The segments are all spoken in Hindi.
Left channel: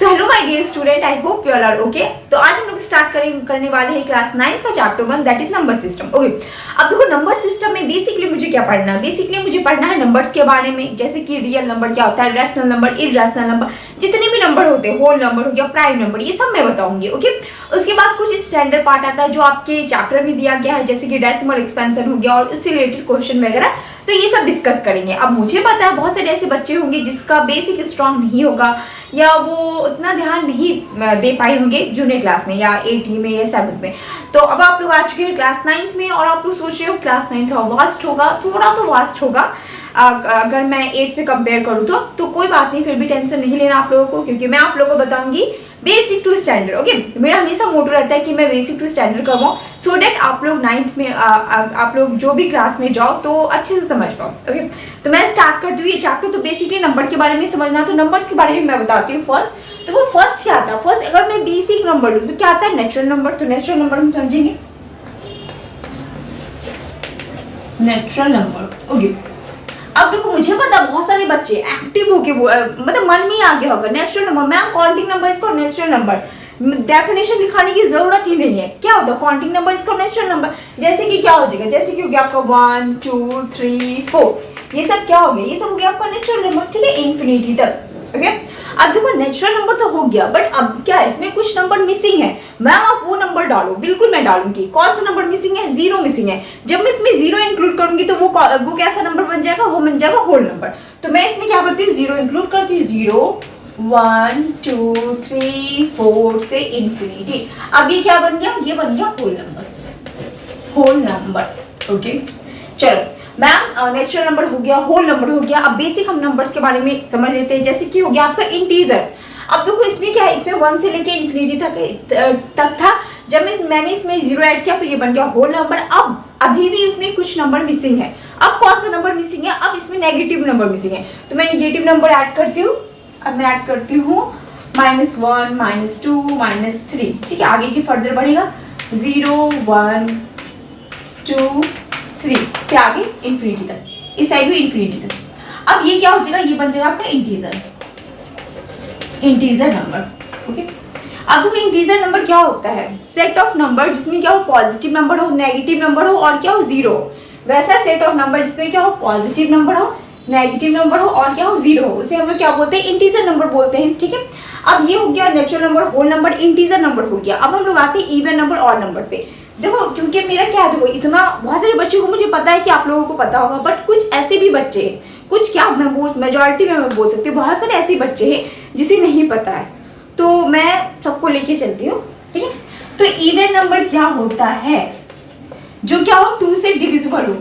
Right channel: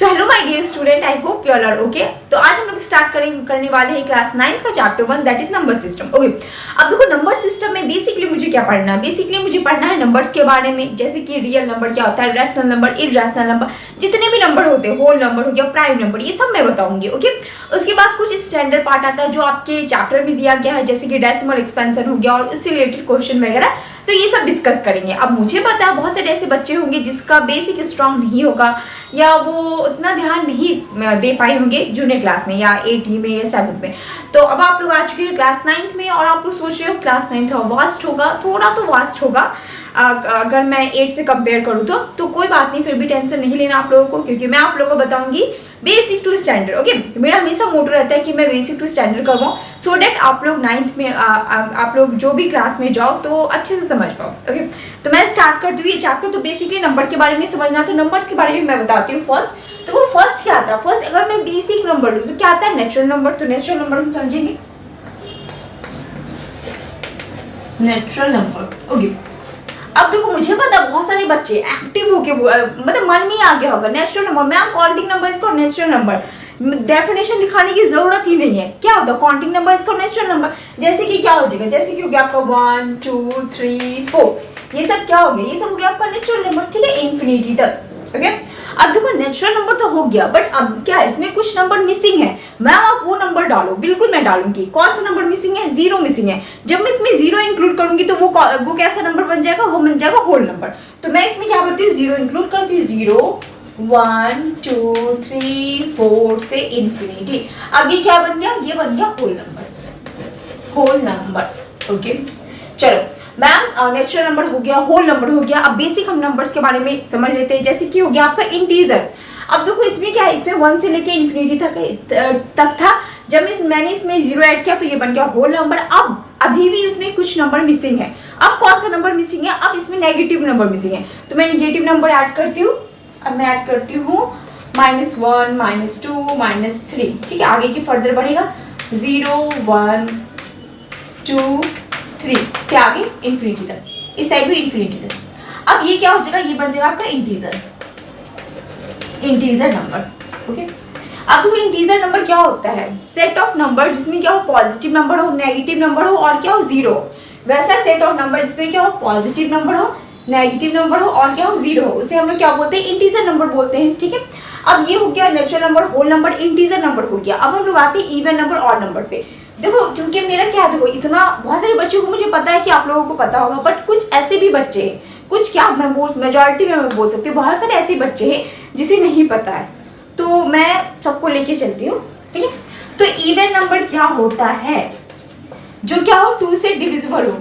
So hello my dear student, I hope you all are okay. तो आज हम लोग स्टार्ट करने वाले हैं क्लास 9 का chapter 1 that is number system. Okay, अब देखो नंबर सिस्टम में बेसिकली मुझे क्या पढ़ना है? बेसिकली मुझे पढ़ना है नंबर्स के बारे में, जैसे कि रियल नंबर क्या होता है, रैशनल नंबर, इरैशनल नंबर, जितने भी नंबर होते हैं, होल नंबर हो गया, प्राइम नंबर, ये सब मैं बताऊंगी। ओके, उसके बाद कुछ स्टैंडर्ड पार्ट आता है जो आपके चैप्टर में दिया गया है, जैसे कि डेसिमल एक्सपेंशन हो गया और उससे रिलेटेड क्वेश्चन वगैरह, तो ये सब डिस्कस करेंगे। अब मुझे पता है बहुत सारे ऐसे बच्चे होंगे जिसका बेसिक स्ट्रांग नहीं होगा या वो उतना ध्यान नहीं दे पाए होंगे जूनियर क्लास में या 8वीं में या 7th में। तो अब आप लोग आ चुके हैं क्लास 9th में और आप लोग सोच रहे हो क्लास 9th वास्ट होगा, थोड़ा तो वास्ट होगा अगर मैं 8 से कंपेयर करूँ तो कोई बात नहीं, फिर भी टेंशन नहीं लेना आप लोगों को, क्योंकि मैं आप लोगों को बताऊंगी बेसिक टू स्टैंडर्ड। ओके, मेरा हमेशा मोटो रहता है कि मैं बेसिक टू स्टैंडर्ड करवाऊँ सो डेट आप लोग 9th में आप लोग जो भी क्लास में जाओ तो अच्छे से समझ पाओ। ओके, तो मैं स्टार्ट करती हूँ ये चैप्टर। तो बेसिकली नंबर के बारे में समझना, तो नंबर्स के बारे में मैं बताती हूँ फर्स्ट। तो वो फर्स्ट क्या आता है? फर्स्ट अगर मैं बेसिक नंबर लूँ तो क्या आता है? Natural number. तो नेचुरल नंबर हम समझेंगे, नेचुरल नंबर। ओके, अब देखो मुझे पता बहुत सारे बच्चे एक्टिव होके मतलब मन में आ गया होगा natural number, ma'am counting number इसको नेचुरल नंबर, डेफिनेशन दिखाने की जरूरत ही नहीं है। क्या होता है काउंटिंग नंबर इसको नेचुरल नंबर? जैसे कि क्या हो जाएगा, जैसे कि हो गया आपका 1 2 3 4, ये सब क्या हो गया? ये सब हो गया आपका नेचुरल नंबर, ठीक है, इन्फिनिटी तक। ओके, अब देखो नेचुरल नंबर तो हो गया, बट अब क्या इसमें कुछ नंबर मिसिंग है। मैम आप वो नंबर डालो, बिल्कुल मैं डालूंगी। कौन सा नंबर मिसिंग है? 0 मिसिंग है। जब मैं इसमें 0 इंक्लूड करूंगी तो वो कैसा नंबर बन जाएगा? वो बन जाएगा होल नंबर। तो मैं इसमें क्या करती हूँ? 0 इंक्लूड करती हूँ। 0 1 2 3 4 से इन्फिनिटी। अब ये क्या बन गया? ये बन गया whole number, whole number. Okay, चलो मैम नेचुरल नंबर हो गया, होल नंबर हो गया। अब बेसिक हम नंबर्स के बारे में समझ लेते हैं, जैसे कि हो गया आपका इंटीजर। अब देखो इसमें क्या है, इसमें 1 से लेके इन्फिनिटी तक था। जब मैंने इसमें 0 ऐड किया तो ये बन गया होल नंबर। अब अभी भी उसमें कुछ नंबर मिसिंग है। अब कौन सा नंबर मिसिंग है? अब इसमें नेगेटिव नंबर मिसिंग है, तो मैं नेगेटिव नंबर ऐड करती हूँ। अब मैं ऐड करती हूँ -1 -2 -3, ठीक है, आगे की फर्दर बढ़ेगा 0 1 2 3 से आगे इन्फिनिटी तक, इस साइड भी इन्फिनिटी तक। अब ये क्या हो जाएगा? ये बन जाएगा आपका इंटीजर, इंटीजर नंबर। ओके, अब देखो इंटीजर नंबर क्या होता है? सेट ऑफ नंबर जिसमें क्या हो, पॉजिटिव नंबर हो, नेगेटिव नंबर हो और क्या हो, 0। वैसा सेट ऑफ नंबर जिसमें क्या हो, पॉजिटिव नंबर हो, नेगेटिव नंबर हो और क्या हो, 0 हो, उसे हम लोग क्या बोलते हैं? इंटीजर नंबर बोलते हैं। ठीक है, अब ये हो गया natural number, whole number, integer number हो गया। अब हम लोग आते हैं इवन नंबर, ऑड नंबर पे। देखो क्योंकि मेरा क्या, देखो इतना बहुत सारे बच्चों को मुझे पता है कि आप लोगों को पता होगा, बट कुछ ऐसे भी बच्चे हैं, कुछ क्या मैं मेजोरिटी में मैं बोल सकती हूँ, बहुत सारे ऐसे बच्चे हैं जिसे नहीं पता है, तो मैं सबको लेके चलती हूँ। ठीक है, तो इवन नंबर क्या होता है? जो क्या हो, 2 से डिविजिबल हो,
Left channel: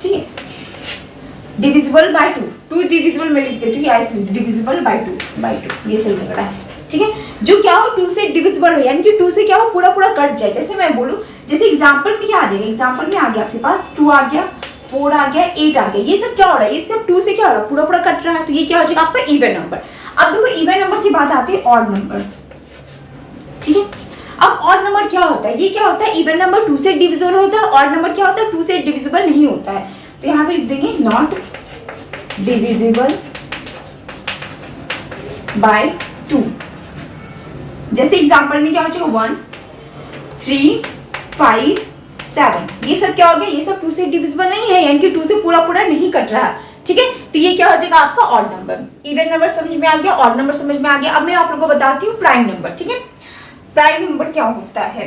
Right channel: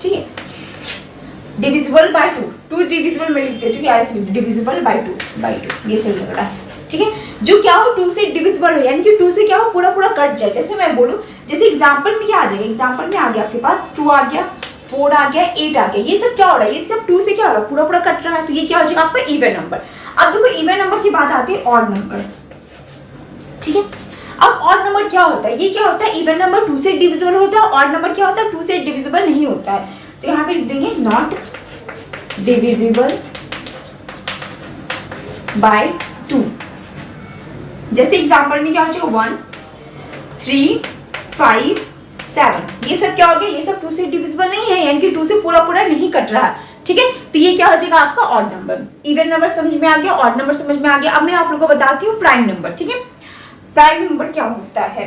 ठीक है, डिविजिबल बाय 2 डिविजिबल में लिखते हैं, ऐसे डिविजिबल बाय 2 ये सही लग रहा है। ठीक है, जो क्या हो 2 से डिविजिबल हो, यानी कि 2 से क्या हो, पूरा कट जाए। जैसे मैं बोलूं, जैसे एग्जांपल में क्या आ जाएगा, एग्जांपल में आ गया आपके पास 2 आ गया, 4 आ गया, 8 आ गया, ये सब क्या हो रहा है? ये सब 2 से क्या हो रहा है? पूरा कट रहा है, तो ये क्या हो जाएगा आपका इवन नंबर। अब देखो इवन नंबर की बात आती है ऑड नंबर। ठीक है, अब ऑड नंबर क्या होता है? ये क्या होता है? इवन नंबर 2 से डिविजिबल होता है, ऑड नंबर क्या होता है? 2 से डिविजिबल नहीं होता है। तो यहाँ पे लिख देंगे नॉट डिविजिबल बाय 2। जैसे एग्जांपल में क्या हो जाएगा, 1 3 5 7, ये सब क्या हो गया? ये सब 2 से डिविजिबल नहीं है, यानी कि 2 से पूरा नहीं कट रहा है। ठीक है, तो ये क्या हो जाएगा आपका ऑड नंबर। इवन नंबर समझ में आ गया, ऑड नंबर समझ में आ गया। अब मैं आप लोगों को बताती हूँ प्राइम नंबर। ठीक है, प्राइम नंबर क्या होता है?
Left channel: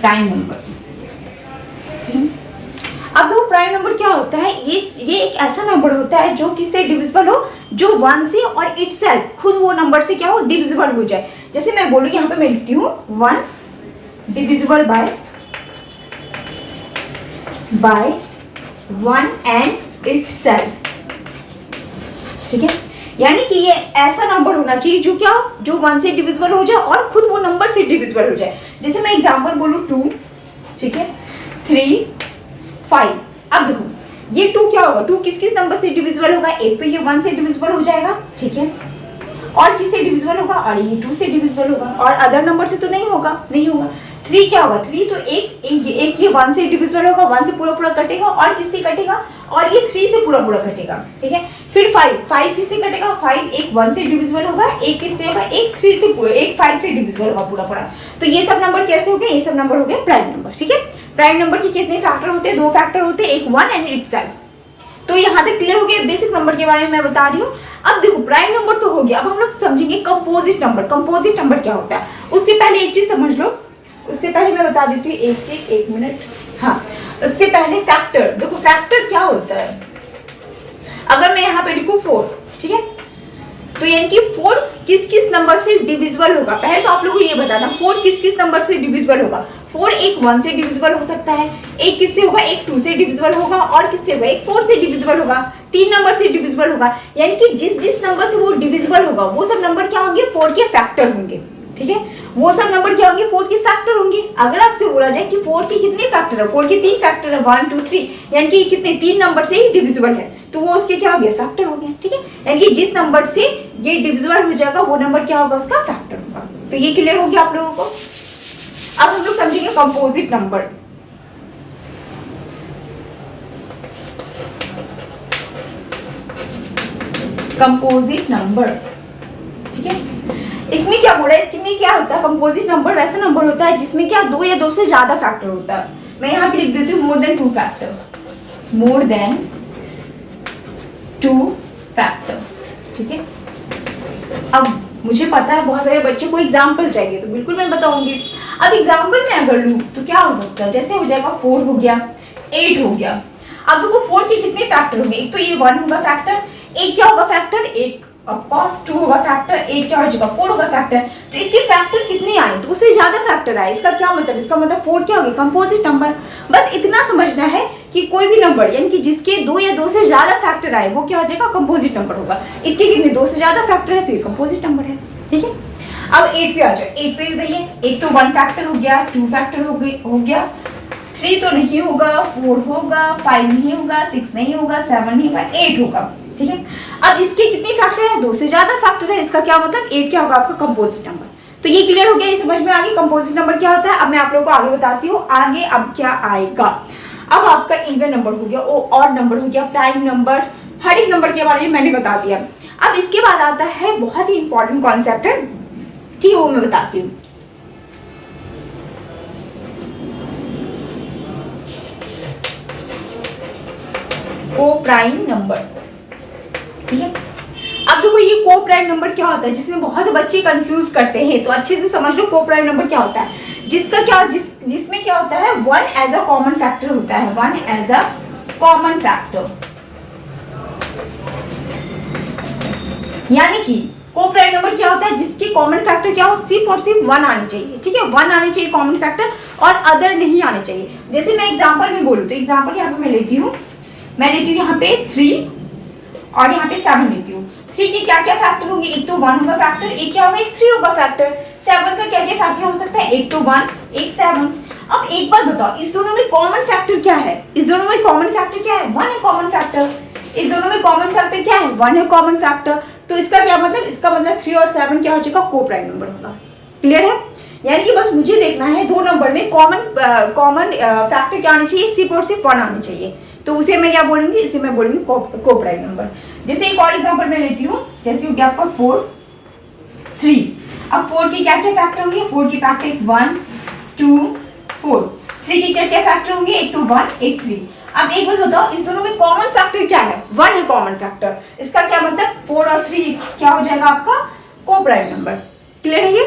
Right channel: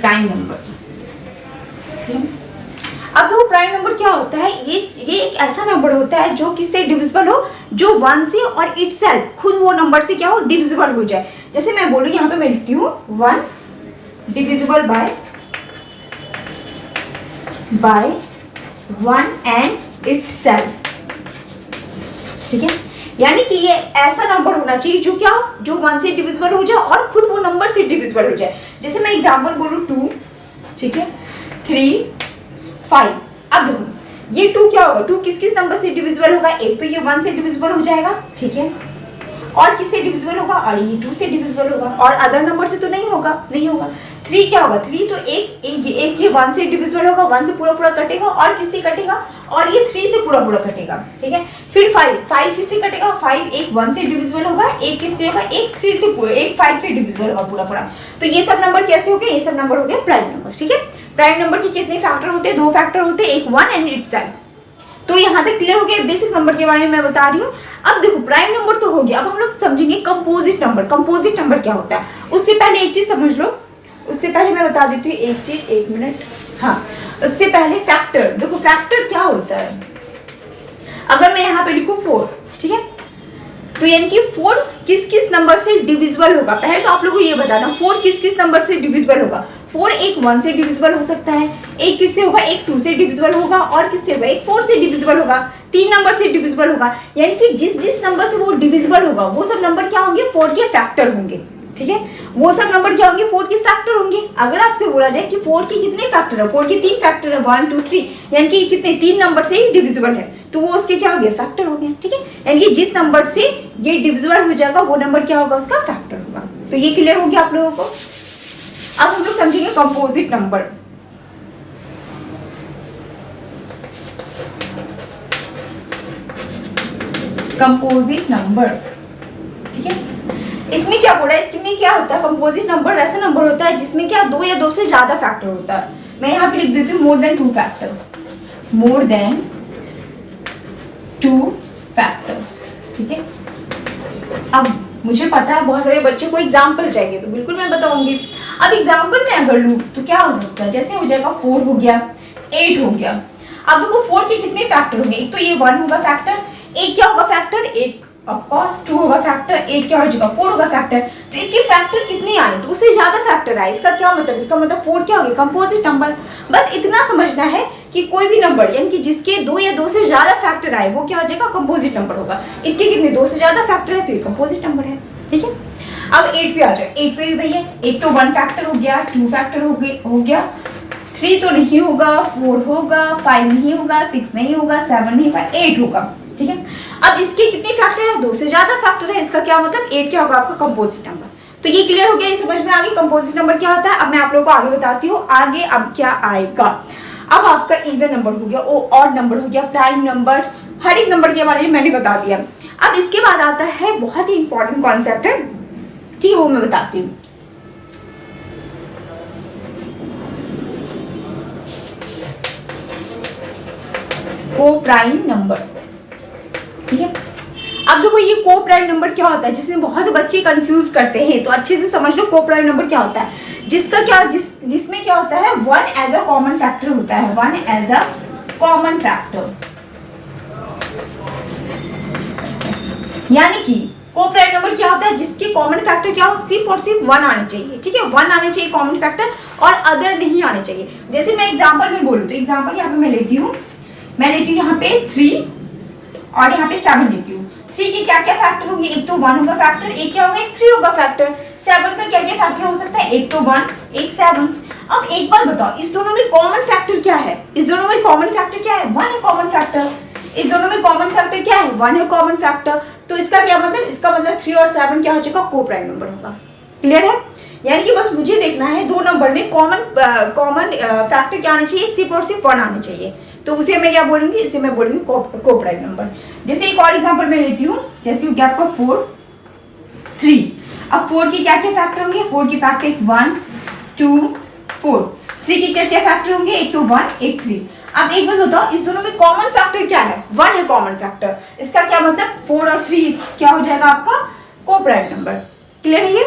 प्राइम नंबर, अब देखो प्राइम नंबर क्या होता है? ये एक ऐसा नंबर होता है जो किससे डिविजिबल हो, जो 1 से और इटसेल्फ खुद वो नंबर से क्या हो, डिविजिबल हो जाए। जैसे मैं बोलूँ, यहाँ पे मैं लिखती हूँ 1 डिविजिबल बाय 1 एंड इटसेल्फ। ठीक है, यानी कि ये ऐसा नंबर होना चाहिए जो क्या, जो 1 से डिविजिबल हो जाए और खुद वो नंबर से डिविजिबल हो जाए। जैसे मैं एग्जांपल बोलूँ 2, ठीक है, 3 5। अब देखो ये 2 क्या होगा, 2 किस नंबर से डिविजिबल होगा? एक तो ये 1 से डिविजिबल हो जाएगा, ठीक है, और किससे डिविजिबल होगा? और ये 2 से डिविजिबल होगा, और अदर नंबर से तो नहीं होगा। 3 क्या होगा? 3 तो एक ये 1 से डिविजिबल होगा, 1 से पूरा कटेगा, और किससे कटेगा? और ये 3 से पूरा पूरा कटेगा, ठीक है। फिर 5 किससे कटेगा, 5 एक 1 से डिविजिबल होगा, एक किससे होगा, एक 3 से पूरा, एक 5 से डिविजिबल होगा पूरा पूरा। तो ये सब नंबर कैसे हो गए, ये सब नंबर हो गए प्राइम नंबर, ठीक है। प्राइम नंबर के कितने फैक्टर होते हैं, 2 फैक्टर होते हैं, एक 1 एंड इट्स साइड। तो यहाँ तक क्लियर हो गया, बेसिक नंबर के बारे में मैं बता रही हूँ। अब देखो प्राइम नंबर तो हो गया, अब हम लोग समझेंगे कंपोजिट नंबर। कंपोजिट नंबर क्या होता है, उससे पहले एक चीज समझ लो, उससे पहले मैं बता देती हूँ एक चीज, 1 मिनट। हाँ, उससे पहले फैक्टर, देखो फैक्टर क्या होता है। अगर मैं यहाँ पे लिखूँ 4, ठीक है, तो यानी कि 4 किस किस नंबर से डिविजिबल होगा। पहले तो आप लोगों को ये बताना 4 किस किस नंबर से डिविजिबल होगा। 4 एक 1 से डिविजिबल हो सकता है, एक किससे होगा, एक 2 से डिविजिबल होगा, और किससे होगा, एक 4 से डिविजिबल होगा, 3 नंबर से डिविजिबल होगा। यानी कि जिस जिस नंबर से वो डिविजिबल होगा वो सब नंबर क्या होंगे, 4 के फैक्टर होंगे, ठीक है। वो सब नंबर क्या होंगे, 4 के फैक्टर होंगे। अगर आपसे बोला जाए कि 4 के कितने फैक्टर है, 4 के 3 फैक्टर है, 1 2 3, यानी कि कितने 3 नंबर से ही डिविजिबल है, तो वो उसके क्या हो गए, फैक्टर हो गए, ठीक है। यानी कि जिस नंबर से ये डिविजिबल हो जाएगा वो नंबर क्या होगा, उसका फैक्टर होगा। तो ये क्लियर हो गया आप लोगों को। अब हम लोग समझेंगे कंपोजिट नंबर। कंपोजिट नंबर, ठीक है। इसमें क्या बोला है, इसमें क्या होता है, कंपोजिट नंबर वैसा नंबर होता है जिसमें क्या 2 या 2 से ज्यादा फैक्टर होता है। मैं यहाँ पे लिख देती हूँ more than 2 factor, more than 2 factor, ठीक है। अब मुझे पता है बहुत सारे बच्चों को एग्जाम्पल चाहिए, तो बिल्कुल मैं बताऊंगी। अब एग्जाम्पल में अगर लूँ तो क्या हो सकता है, जैसे हो जाएगा 4 हो गया, 8 हो गया। अब देखो 4 के कितने फैक्टर होंगे, एक तो ये 1 होगा फैक्टर, एक क्या होगा फैक्टर, एक ऑफ कोर्स 2 होगा फैक्टर, एक क्या हो जाएगा 4 होगा फैक्टर। तो इसके फैक्टर कितने आए, तो उससे ज्यादा फैक्टर आए। इसका क्या मतलब, इसका मतलब 4 क्या हो गया, कंपोजिट नंबर। बस इतना समझना है कि कोई भी नंबर यानी कि जिसके 2 या 2 से ज्यादा फैक्टर आए वो क्या हो जाएगा, कंपोजिट नंबर होगा। इसके कितने 2 से ज्यादा फैक्टर है तो ये कंपोजिट नंबर है, ठीक है। अब 8 पे आ जाए, 8 पे भी भैया एक तो 1 फैक्टर हो गया, 2 फैक्टर हो गया, 3 तो नहीं होगा, 4 होगा, 5 नहीं होगा, 6 नहीं होगा, 7 नहीं होगा, 8 होगा, ठीक है। अब इसके कितने फैक्टर है, 2 से ज्यादा फैक्टर है। इसका क्या मतलब 8 क्या होगा आपका कंपोजिट नंबर। तो ये क्लियर हो गया, ये समझ में आ गई कंपोजिट नंबर क्या होता है। अब मैं आप लोगों को आगे बताती हूँ, आगे अब क्या आएगा। अब आपका इवन नंबर हो गया, ऑड नंबर हो गया, प्राइम नंबर, हर एक नंबर के बारे में मैंने बता दिया। अब इसके बाद आता है बहुत ही इंपॉर्टेंट कॉन्सेप्ट है, ठीक है, वो मैं बताती हूँ। को प्राइम नंबर, ठीक है। अब देखो ये को प्राइम नंबर क्या होता है, जिसमें बहुत बच्चे कंफ्यूज करते हैं, तो अच्छे से समझ लो को प्राइम नंबर क्या होता है। जिसका क्या जिसमें क्या होता है, 1 एज अ कॉमन फैक्टर होता है, 1 एज अ कॉमन फैक्टर। यानी कि को प्राइम नंबर क्या होता है, जिसके कॉमन फैक्टर क्या हो, सिर्फ और सिर्फ 1 आने चाहिए, ठीक है। 1 आने चाहिए कॉमन फैक्टर, और अदर नहीं आने चाहिए। जैसे मैं एग्जाम्पल में बोलूँ तो एग्जाम्पल यहाँ पे मैं लेती हूँ यहाँ पे 3 और यहाँ पे 7 लेती हूँ। 3 के क्या क्या फैक्टर होंगे, एक तो 1 होगा फैक्टर, एक क्या होगा, एक 3 होगा फैक्टर। 7 का क्या क्या फैक्टर हो सकता है, एक तो 1, एक 7। अब एक बात बताओ, इस दोनों में कॉमन फैक्टर क्या है, इस दोनों में कॉमन फैक्टर क्या है, 1 है कॉमन फैक्टर। इस दोनों में कॉमन फैक्टर क्या है, 1 है कॉमन फैक्टर। तो इसका क्या मतलब, इसका मतलब 3 और 7 क्या हो जाएगा, को प्राइम नंबर होगा। क्लियर है, यानी कि बस मुझे देखना है दो नंबर में कॉमन फैक्टर क्या आने चाहिए, सिर्फ और सिर्फ 1 आने चाहिए। तो उसे मैं क्या बोलूंगी, इसे मैं बोलूंगी को प्राइम नंबर। जैसे एक और एग्जांपल मैं लेती हूँ, जैसे हो गया आपका 4 3। अब 4 के क्या क्या फैक्टर होंगे, 4 के फैक्टर 1 2 4। 3 के क्या क्या फैक्टर होंगे, एक तो 1 एक 3। अब एक बात बताओ, इस दोनों में कॉमन फैक्टर क्या है, 1 है कॉमन फैक्टर। इसका क्या मतलब 4 और 3 क्या हो जाएगा आपका को प्राइम नंबर। क्लियर है ये,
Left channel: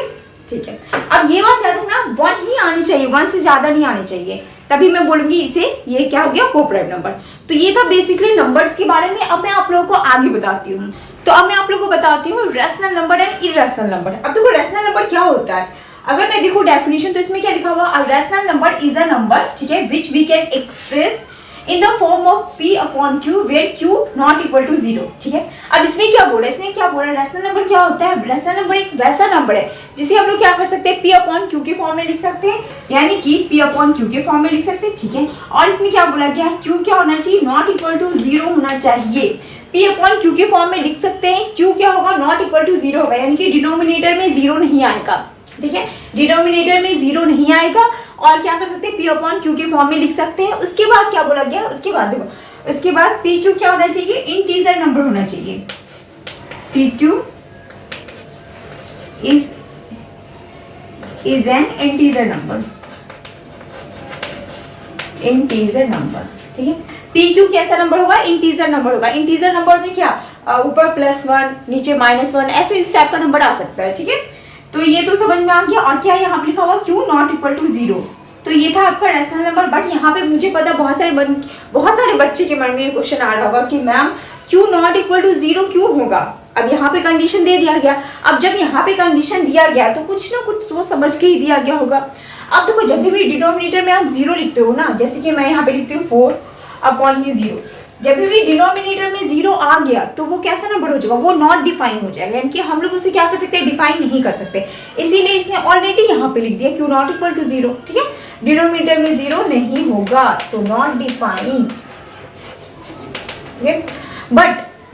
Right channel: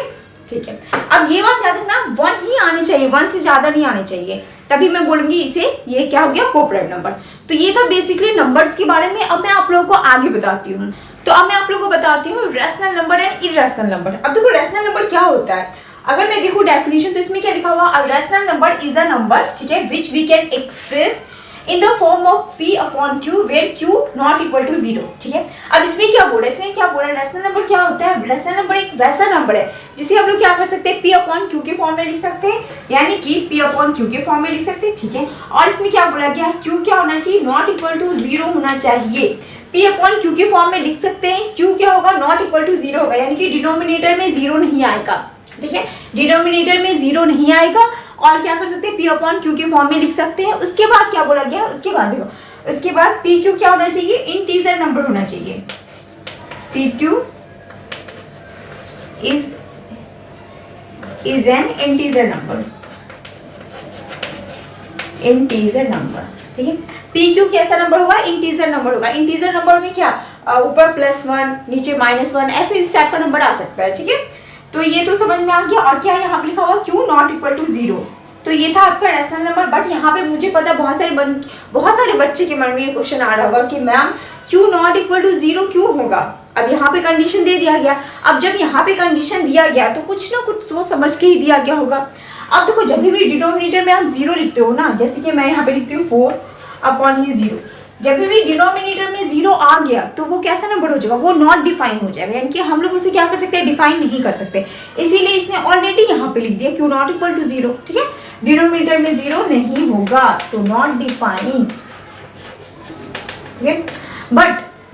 ठीक है। अब ये बात याद रखना, 1 ही आनी चाहिए, 1 से ज्यादा नहीं आने चाहिए, तभी मैं बोलूंगी इसे ये क्या हो गया, को प्राइम नंबर। तो ये था बेसिकली नंबर्स के बारे में। अब मैं आप लोगों को आगे बताती हूँ। तो अब मैं आप लोगों को बताती हूँ rational number and irrational number. अब देखो रैशनल नंबर क्या होता है, अगर मैं देखूँ डेफिनेशन तो इसमें क्या लिखा हुआ, a rational number is a number, ठीक है, which we can express in the form of p upon q where q not equal to 0, ठीक है। अब इसमें क्या बोला, इसमें क्या बोला, रैशनल नंबर क्या होता है, रैशनल नंबर एक वैसा नंबर है जिसे हम लोग क्या कर सकते हैं, p अपॉन q के फॉर्म में लिख सकते हैं, यानी कि p अपॉन q के फॉर्म में लिख सकते हैं, ठीक है। और इसमें क्या बोला गया, q क्या होना चाहिए, नॉट इक्वल टू 0 होना चाहिए। p अपॉन q के फॉर्म में लिख सकते हैं, q क्या होगा, नॉट इक्वल टू 0 होगा, यानी कि डिनोमिनेटर में 0 नहीं आएगा, ठीक है, डिनोमिनेटर में 0 नहीं आएगा। और क्या कर सकते हैं, p अपॉन q के फॉर्म में लिख सकते हैं। उसके बाद क्या बोला गया, उसके बाद देखो उसके बाद पी क्यू क्या होना चाहिए, इंटीजर नंबर होना चाहिए। P Q is an integer number, integer number, ठीक है। पी क्यू कैसा नंबर होगा, इंटीजर नंबर होगा। इंटीजर नंबर में क्या, ऊपर +1 नीचे -1 ऐसे इस टाइप का नंबर आ सकता है, ठीक है। तो ये तो समझ में आ गया। और क्या यहाँ पे लिखा हुआ क्यू नॉट इक्वल टू 0, तो ये था आपका रैशनल नंबर। बट यहाँ पे मुझे पता बहुत सारे बच्चे के मन में ये क्वेश्चन आ रहा होगा कि ma'am Q not equal to 0 क्यों होगा। अब यहाँ पे कंडीशन दे दिया गया, अब जब यहाँ पे कंडीशन दिया गया तो कुछ ना कुछ सोच समझ के ही दिया गया होगा। अब देखो जब भी डिनोमिनेटर में आप 0 लिखते हो ना, जैसे कि मैं यहाँ पे लिखती हूँ 4/0, जब भी डिनोमिनेटर में 0 आ गया तो वो कैसा नंबर हो जाएगा, वो नॉट डिफाइन हो जाएगा, यानी कि हम लोग उसे क्या कर सकते हैं, डिफाइन नहीं कर सकते। इसीलिए इसने ऑलरेडी यहाँ पे लिख दिया क्यू नॉट इक्वल टू 0, ठीक है। डिनोमिनेटर में 0 नहीं होगा तो नॉट डिफाइन,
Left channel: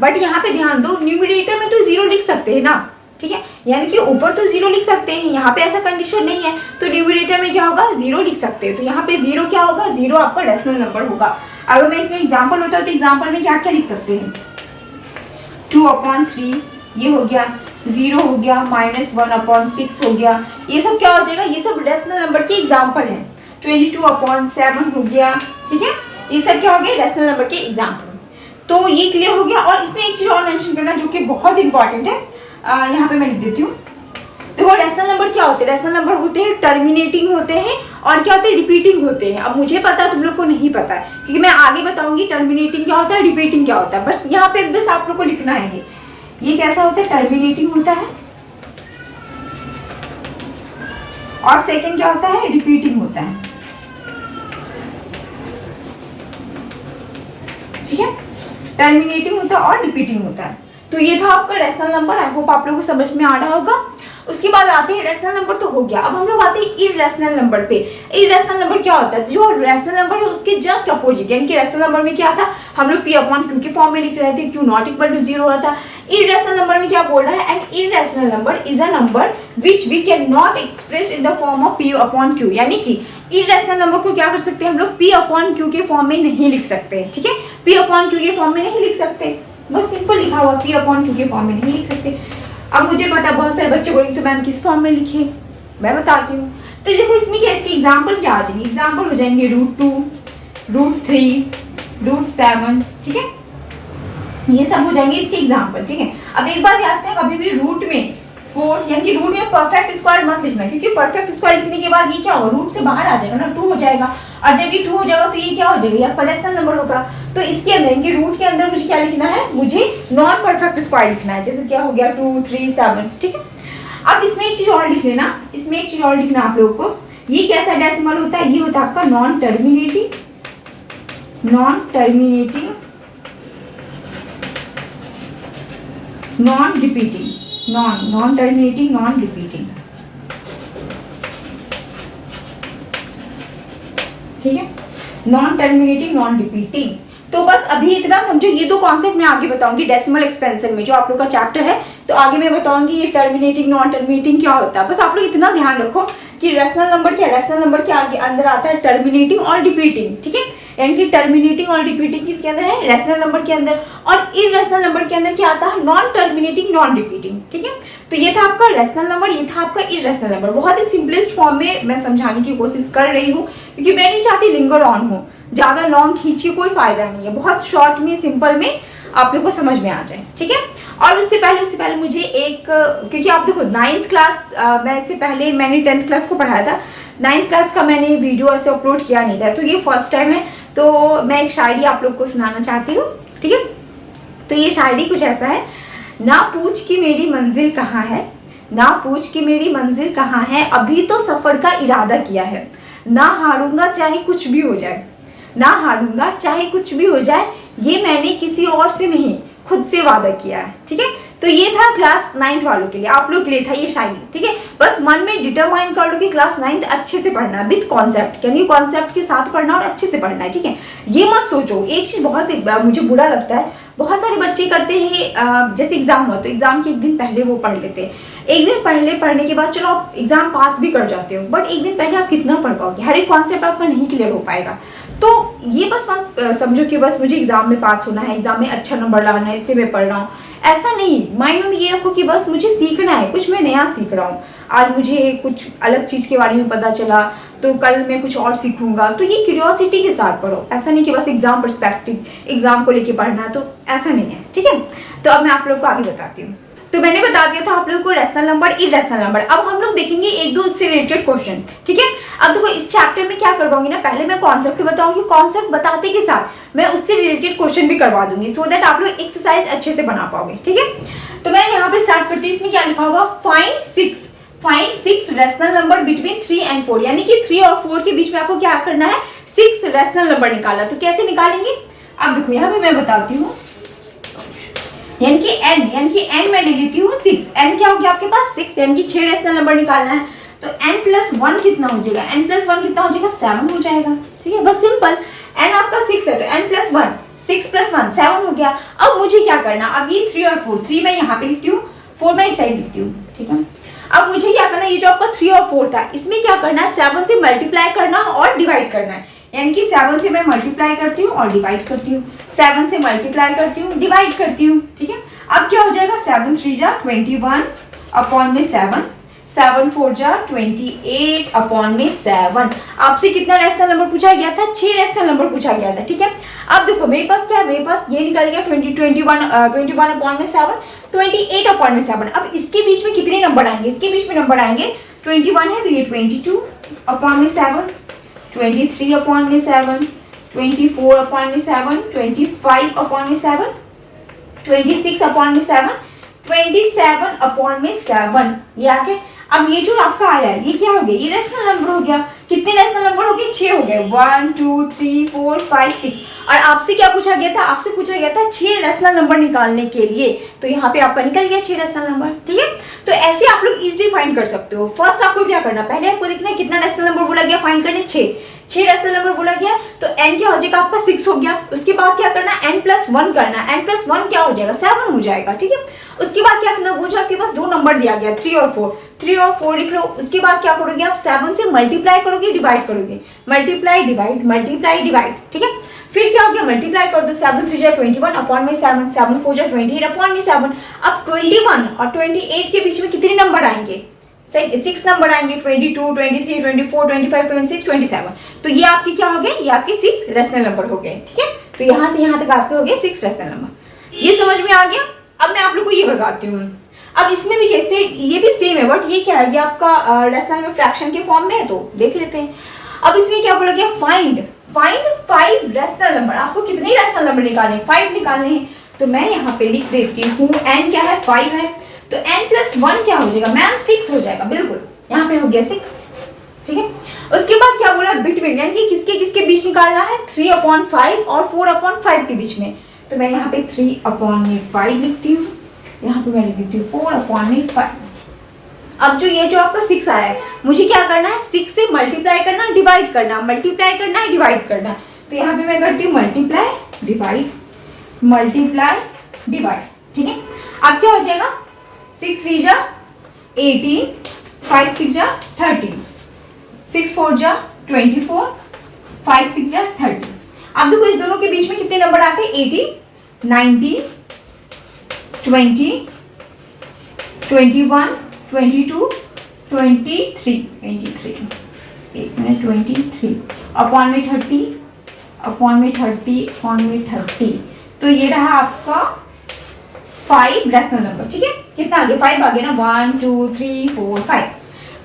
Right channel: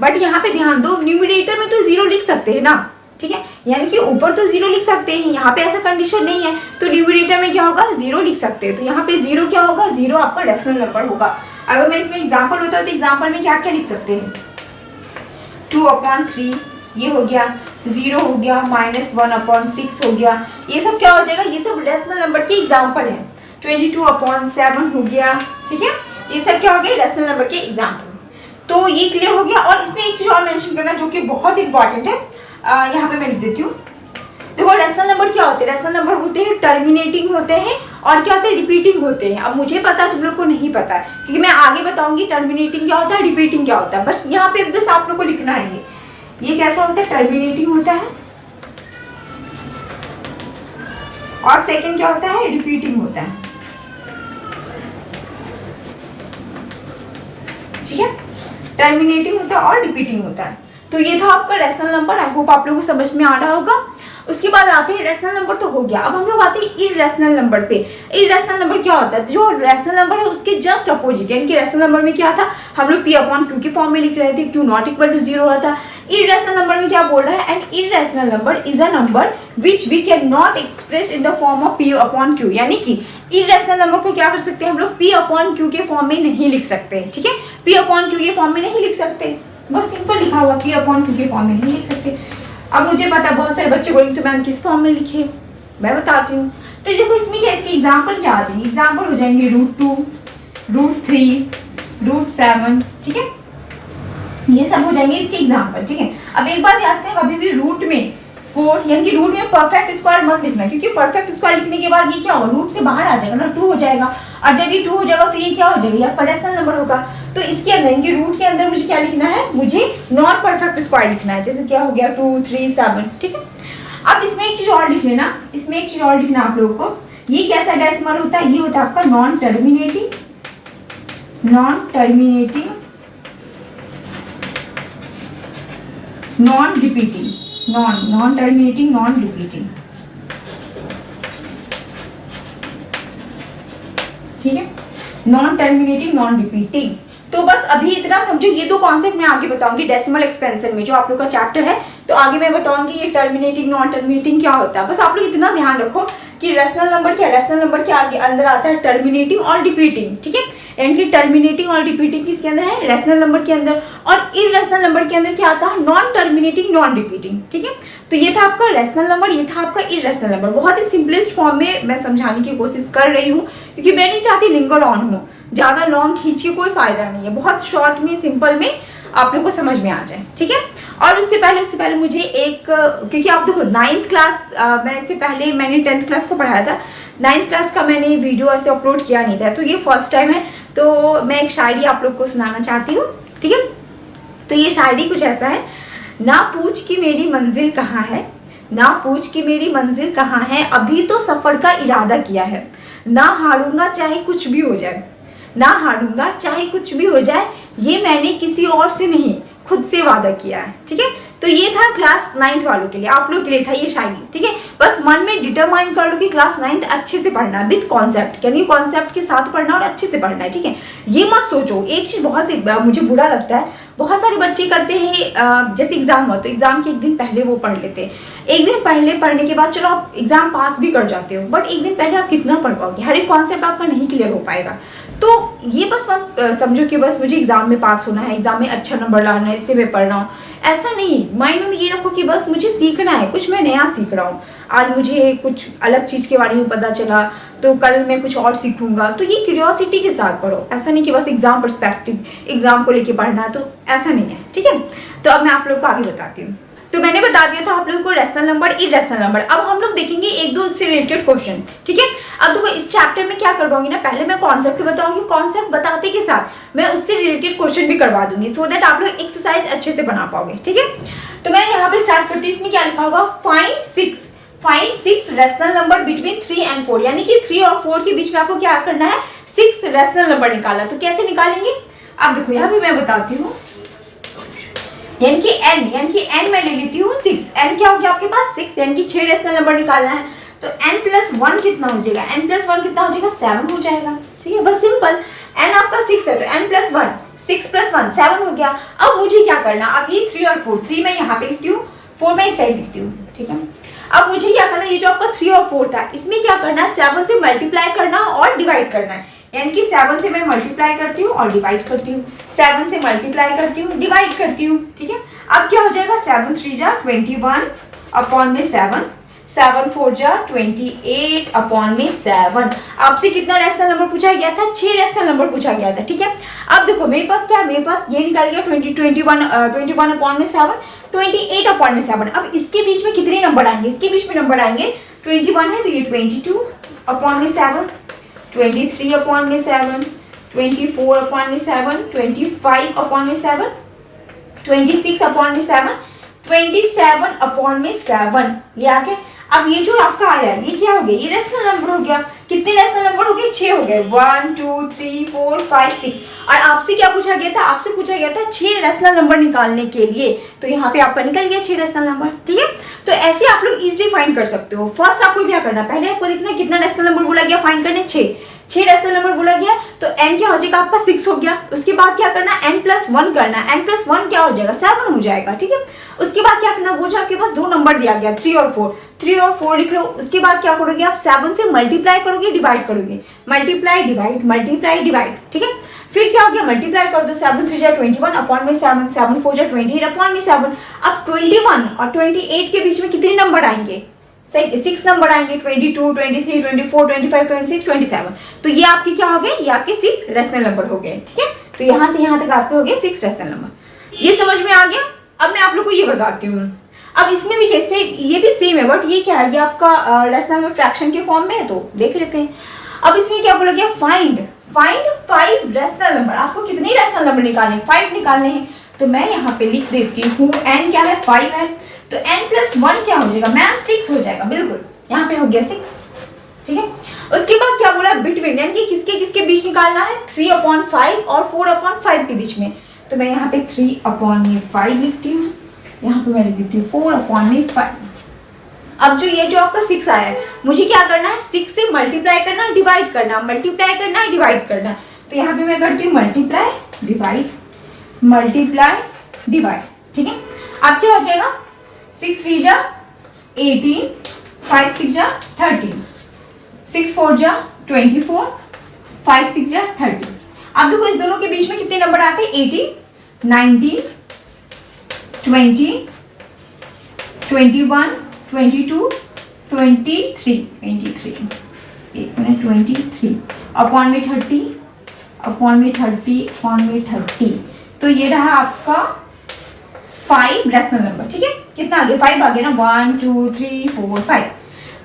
बट यहाँ पे ध्यान दो, न्यूमरेटर में तो 0 लिख सकते हैं ना, ठीक है, यानी कि ऊपर तो 0 लिख सकते हैं, यहाँ पे ऐसा कंडीशन नहीं है, तो न्यूमरेटर में क्या होगा, 0 लिख सकते हैं। तो यहाँ पे 0 क्या होगा, 0 आपका रैशनल नंबर होगा। अगर मैं इसमें एग्जांपल होता है तो एग्जांपल में क्या क्या लिख सकते हैं, 2/3 ये हो गया, 0 हो गया, -1/6 हो गया, ये सब क्या हो जाएगा, ये सब रैशनल नंबर के एग्जाम्पल है। 22/7 हो गया, ठीक है, ये सब क्या हो गया, रैशनल नंबर के एग्जाम्पल। तो ये क्लियर हो गया। और इसमें एक चीज और मेंशन करना जो कि बहुत इंपॉर्टेंट है, यहाँ पे मैं लिख देती हूँ। देखो रैशनल नंबर क्या होते हैं, रैशनल नंबर होते हैं टर्मिनेटिंग होते हैं और क्या होते हैं, रिपीटिंग होते हैं। अब मुझे पता है, तुम लोग को नहीं पता है, क्योंकि मैं आगे बताऊंगी टर्मिनेटिंग क्या होता है, रिपीटिंग क्या होता है। बस यहाँ पे बस आप लोग को लिखना है ये कैसा होता है, टर्मिनेटिंग होता है, और सेकंड क्या होता है, रिपीटिंग होता है, ठीक है। टर्मिनेटिंग होता है और रिपीटिंग होता है। तो ये था आपका रैशनल नंबर। आई होप आप लोगों को समझ में आ रहा होगा। उसके बाद आते हैं, रैशनल नंबर तो हो गया, अब हम लोग आते हैं इररेशनल नंबर पे। इररेशनल नंबर क्या होता है, जो रैशनल नंबर है उसके जस्ट अपोजिट, यानी कि रैशनल नंबर में क्या था, हम लोग P/Q के फॉर्म में लिख रहे थे, Q नॉट इक्वल टू 0 होता। इररेशनल नंबर में क्या बोल रहा है, an irrational number is a number which we can not express in the form of P/Q, यानी कि इररेशनल नंबर को क्या कर सकते हैं हम लोग, P/Q के फॉर्म में नहीं लिख सकते, ठीक है। P/Q के फॉर्म में नहीं लिख सकते, बस सिंपल लिखा हुआ P/Q के फॉर्म में नहीं लिख सकते। अब मुझे पता है बहुत सारे बच्चे बोलेंगे तो मैम किस फॉर्म में लिखे, मैं बताती हूँ। तो देखो इसमें क्या, इसके एग्जाम्पल क्या आ जाएंगे, एग्जाम्पल हो जाएंगे √2, √3, √7, ठीक है, ये सब हो जाएंगे इसके एग्जाम्पल, ठीक है। अब एक बात याद करें, कभी भी रूट में 4 यानी कि रूट में परफेक्ट स्क्वायर मत लिखना, क्योंकि परफेक्ट स्क्वायर लिखने के बाद ये क्या होगा, रूट से बाहर आ जाएगा ना, 2 हो जाएगा, और जब ये 2 हो जाएगा तो ये क्या हो जाएगा, यार रैशनल नंबर होगा। तो इसके अंदर इनके रूट के अंदर मुझे क्या लिखना है, मुझे नॉन परफेक्ट स्क्वायर लिखना है, जैसे क्या हो गया 2, 3, 7, ठीक है। अब इसमें एक चीज और लिख लेना, इसमें एक चीज और लिखना आप लोगों को, ये कैसा डेसिमल होता है, ये होता है आपका non terminating, non repeating, non terminating, non repeating, ठीक है, नॉन टर्मिनेटिंग, नॉन रिपीटिंग। तो बस अभी इतना समझो, ये 2 कॉन्सेप्ट मैं आगे बताऊंगी डेसिमल एक्सपेंशन में, जो आप लोग का चैप्टर है, तो आगे मैं बताऊंगी ये टर्मिनेटिंग नॉन टर्मिनेटिंग क्या होता है। बस आप लोग इतना ध्यान रखो कि रैशनल नंबर क्या, रैशनल नंबर के आगे अंदर आता है टर्मिनेटिंग और रिपीटिंग, ठीक है, यानी कि टर्मिनेटिंग और रिपीटिंग किसके अंदर है, रैशनल नंबर के अंदर, और इररेशनल नंबर के अंदर क्या आता है, नॉन टर्मिनेटिंग, नॉन रिपीटिंग, ठीक है। तो ये था आपका रैशनल नंबर, ये था आपका इररेशनल नंबर। बहुत ही सिंपलेस्ट फॉर्म में मैं समझाने की कोशिश कर रही हूँ, क्योंकि मैं नहीं चाहती लिंगर ऑन हो, ज़्यादा लॉन्ग खींच के कोई फायदा नहीं है, बहुत शॉर्ट में सिंपल में आप लोग को समझ में आ जाए, ठीक है। और उससे पहले मुझे एक, क्योंकि आप देखो 9th क्लास मैं इससे पहले मैंने 10th क्लास को पढ़ाया था, 9th क्लास का मैंने वीडियो ऐसे अपलोड किया नहीं था, तो ये फर्स्ट टाइम है, तो मैं एक शायरी आप लोग को सुनाना चाहती हूँ, ठीक है। तो ये शायरी कुछ ऐसा है, ना पूछ कि मेरी मंजिल कहाँ है, ना पूछ कि मेरी मंजिल कहाँ है, अभी तो सफ़र का इरादा किया है, ना हारूंगा चाहे कुछ भी हो जाए, ना हारूंगा चाहे कुछ भी हो जाए, ये मैंने किसी और से नहीं खुद से वादा किया है, ठीक है। तो ये था क्लास 9th वालों के लिए, आप लोग के लिए था ये शायरी, ठीक है। बस मन में डिटरमाइन कर लो कि क्लास 9th अच्छे से पढ़ना है, विद कॉन्सेप्ट, यानी कॉन्सेप्ट के साथ पढ़ना और अच्छे से पढ़ना है, ठीक है। ये मत सोचो, एक चीज़ बहुत मुझे बुरा लगता है, बहुत सारे बच्चे करते हैं जैसे एग्जाम हो तो एग्जाम के एक दिन पहले वो पढ़ लेते हैं, एक दिन पहले पढ़ने के बाद चलो आप एग्जाम पास भी कर जाते हो, बट एक दिन पहले आप कितना पढ़ पाओगे, हर एक कॉन्सेप्ट आपका नहीं क्लियर हो पाएगा। तो ये बस समझो कि बस मुझे एग्जाम में पास होना है, एग्जाम में अच्छा नंबर लाना है, इससे मैं पढ़ रहा हूँ, ऐसा नहीं। माइंड में ये रखो कि बस मुझे सीखना है, कुछ मैं नया सीख रहा हूँ, आज मुझे कुछ अलग चीज़ के बारे में पता चला तो कल मैं कुछ और सीखूंगा। तो ये क्यूरियोसिटी के साथ पढ़ो, ऐसा नहीं कि बस एग्जाम पर्सपेक्टिव एग्जाम को लेके पढ़ना है, तो ऐसा नहीं है, ठीक है। तो अब मैं आप लोग को आगे बताती हूँ। तो मैंने बता दिया था आप लोगों को रेशनल नंबर, इरेशनल नंबर। अब हम लोग देखेंगे एक दो उससे रिलेटेड क्वेश्चन, ठीक है। अब देखो इस चैप्टर में क्या करवाऊंगी ना, पहले मैं कॉन्सेप्ट बताऊंगी, कॉन्सेप्ट बताते के साथ मैं उससे रिलेटेड क्वेश्चन भी करवा दूंगी, सो दैट आप लोग एक्सरसाइज अच्छे से बना पाओगे, ठीक है। तो मैं यहाँ पे स्टार्ट करती हूँ। इसमें क्या लिखा होगा, find six rational number between 3 and 4, यानी कि 3 और 4 के बीच में आपको क्या करना है, 6 रेशनल नंबर निकालना। तो कैसे निकालेंगे, अब देखो यहाँ पे मैं बताती हूँ, यानी कि n मैं ले लेती हूँ 6, n क्या हो गया आपके पास 6, यानी कि 6 रेशनल नंबर निकालना है। तो n+1 कितना हो जाएगा, n+1 कितना हो जाएगा, 7 हो जाएगा, ठीक है, बस सिंपल। n आपका 6 है तो n+1, 6+1 7 हो गया। अब मुझे क्या करना, अब ये 3 और 4, 3 मैं यहाँ पे लिखती हूँ, 4 मैं इस साइड लिखती हूँ, ठीक है। अब मुझे क्या करना है, ये जो आपका 3 और 4 था, इसमें क्या करना है, 7 से मल्टीप्लाई करना और डिवाइड करना है, यानी कि 7 से मैं मल्टीप्लाई करती हूँ और डिवाइड करती हूँ, 7 से मल्टीप्लाई करती हूँ, डिवाइड करती हूँ, ठीक है। अब क्या हो जाएगा, 7 3 जा 21 अपॉन में 7, 7 4 जा 28 अपॉन में 7। आपसे कितना रेशनल नंबर पूछा गया था, 6 रेशनल नंबर पूछा गया था, ठीक है। अब देखो मेरे पास क्या है, मेरे पास ये निकल गया 21 अपॉन में 7, 28 अपॉन में 7। अब इसके बीच में कितने नंबर आएंगे, इसके बीच में नंबर आएंगे, 21 है तो ये 22 अपॉन में 7, 23 अपॉन में 7, 24 अपॉन में 7, 25 अपॉन में 7, 26 अपॉन में 7, 27 अपॉन में 7, ये आ गए। अब ये जो आपका आया है ये क्या हो गया, ये रेशनल नंबर हो गया। कितने रेशनल नंबर हो गए, 6 हो गए, 1 2 3 4 5 6। और आपसे क्या पूछा गया था, आपसे पूछा गया था 6 रेशनल नंबर निकालने के लिए, तो यहाँ पे आपका निकल गया 6 रेशनल नंबर, ठीक है। तो ऐसे आप लोग इजीली फाइंड कर सकते हो। फर्स्ट आपको क्या करना, पहले आपको देखना है कितना रेशनल नंबर बोला गया, फाइंड करने 6 रेशनल नंबर बोला गया, तो n क्या हो जाएगा आपका 6 हो गया। उसके बाद क्या करना, n+1 करना, n+1 क्या हो जाएगा 7 हो जाएगा, ठीक है। उसके बाद क्या करना, वो जो आपके पास दो नंबर दिया गया 3 और 4 लिख लो। उसके बाद क्या करोगे आप, 7 से मल्टीप्लाई करोगे, डिवाइड करोगे, मल्टीप्लाई डिवाइड, ठीक है। फिर क्या हो गया, मल्टीप्लाई कर दो, 7 3 जा 21 अपॉन में 7, 7 4 जा 28 अपॉन में 7। अब 21 और 28 के बीच में कितने नंबर आएंगे, 6 नंबर आएंगे, 22 23 24 25 26 27। तो ये आपके क्या हो गए, ये आपके 6 रेशनल नंबर हो गए, ठीक है। तो यहाँ से यहाँ तक आपके हो गए 6 रेशनल नंबर। ये समझ में आ गया। अब मैं आप लोग को ये बताती हूँ, अब इसमें भी कैसे, ये भी सेम है, बट ये क्या है, ये आपका रेशनल में फ्रैक्शन के फॉर्म में है, तो देख लेते हैं। अब इसमें क्या बोला गया, फाइंड 5 रेशनल नंबर। आपको कितने रेशनल नंबर निकालने, 5 निकालने हैं। तो मैं यहाँ पे लिख देती हूँ, n क्या है 5 है, तो n+1 क्या हो जाएगा मैम 6 हो जाएगा, बिल्कुल यहाँ पे हो गया 6, ठीक है। उसके बाद क्या बोला, बिटवीन, यानी कि किसके किसके बीच निकालना है, 3/5 और 4/5 के बीच में। तो मैं यहाँ पे 3/5 लिखती हूँ, यहाँ पे मैं लिख देती हूँ 4/5। अब जो ये जो आपका 6 आया है, मुझे क्या करना है, 6 से मल्टीप्लाई करना, डिवाइड करना, मल्टीप्लाई करना, डिवाइड करना। तो यहाँ पे मैं करती हूँ मल्टीप्लाई डिवाइड, ठीक है। अब क्या हो जाएगा, 6 3 जा 18, 5 6 जा 13, 6 4 जा 24, 5 6 जा 30। अब देखो इस दोनों के बीच में कितने नंबर आते हैं, 18 19 20 21 22 23 एक मिनट 23 अपॉन में 30। तो ये रहा आपका 5 रेशनल नंबर, ठीक है। कितना आ गया, 5 आ गया ना, 1 2 3 4 5।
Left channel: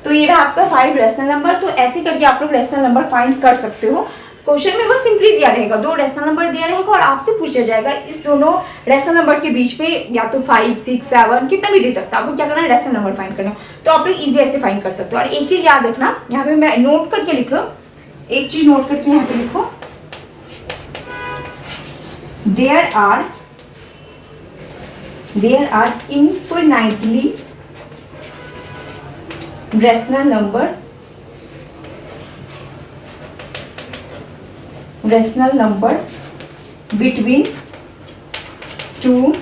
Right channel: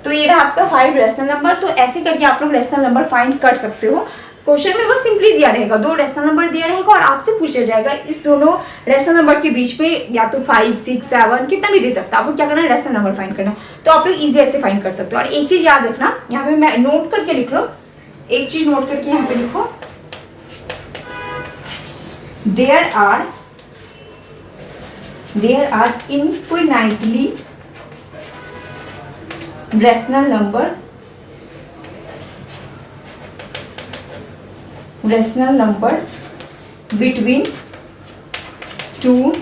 तो ये रहा आपका 5 रेशनल नंबर। तो ऐसे करके आप लोग रेशनल नंबर फाइंड कर सकते हो। क्वेश्चन में बस सिंपली दिया रहेगा, 2 रेशनल नंबर दिया रहेगा और आपसे पूछा जाएगा इस दोनों रेशनल नंबर के बीच में या तो 5 6 7 कितना भी दे सकता है। आपको क्या करना है, रेशनल नंबर फाइंड करना। तो आप लोग इजी ऐसे फाइंड कर सकते हो। और एक चीज याद रखना, यहाँ पे मैं नोट करके लिख लो, एक चीज नोट करके यहाँ पे लिखो, there are infinitely rational number between two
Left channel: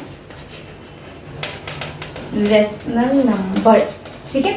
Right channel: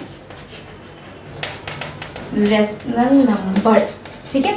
rational number, ठीक है।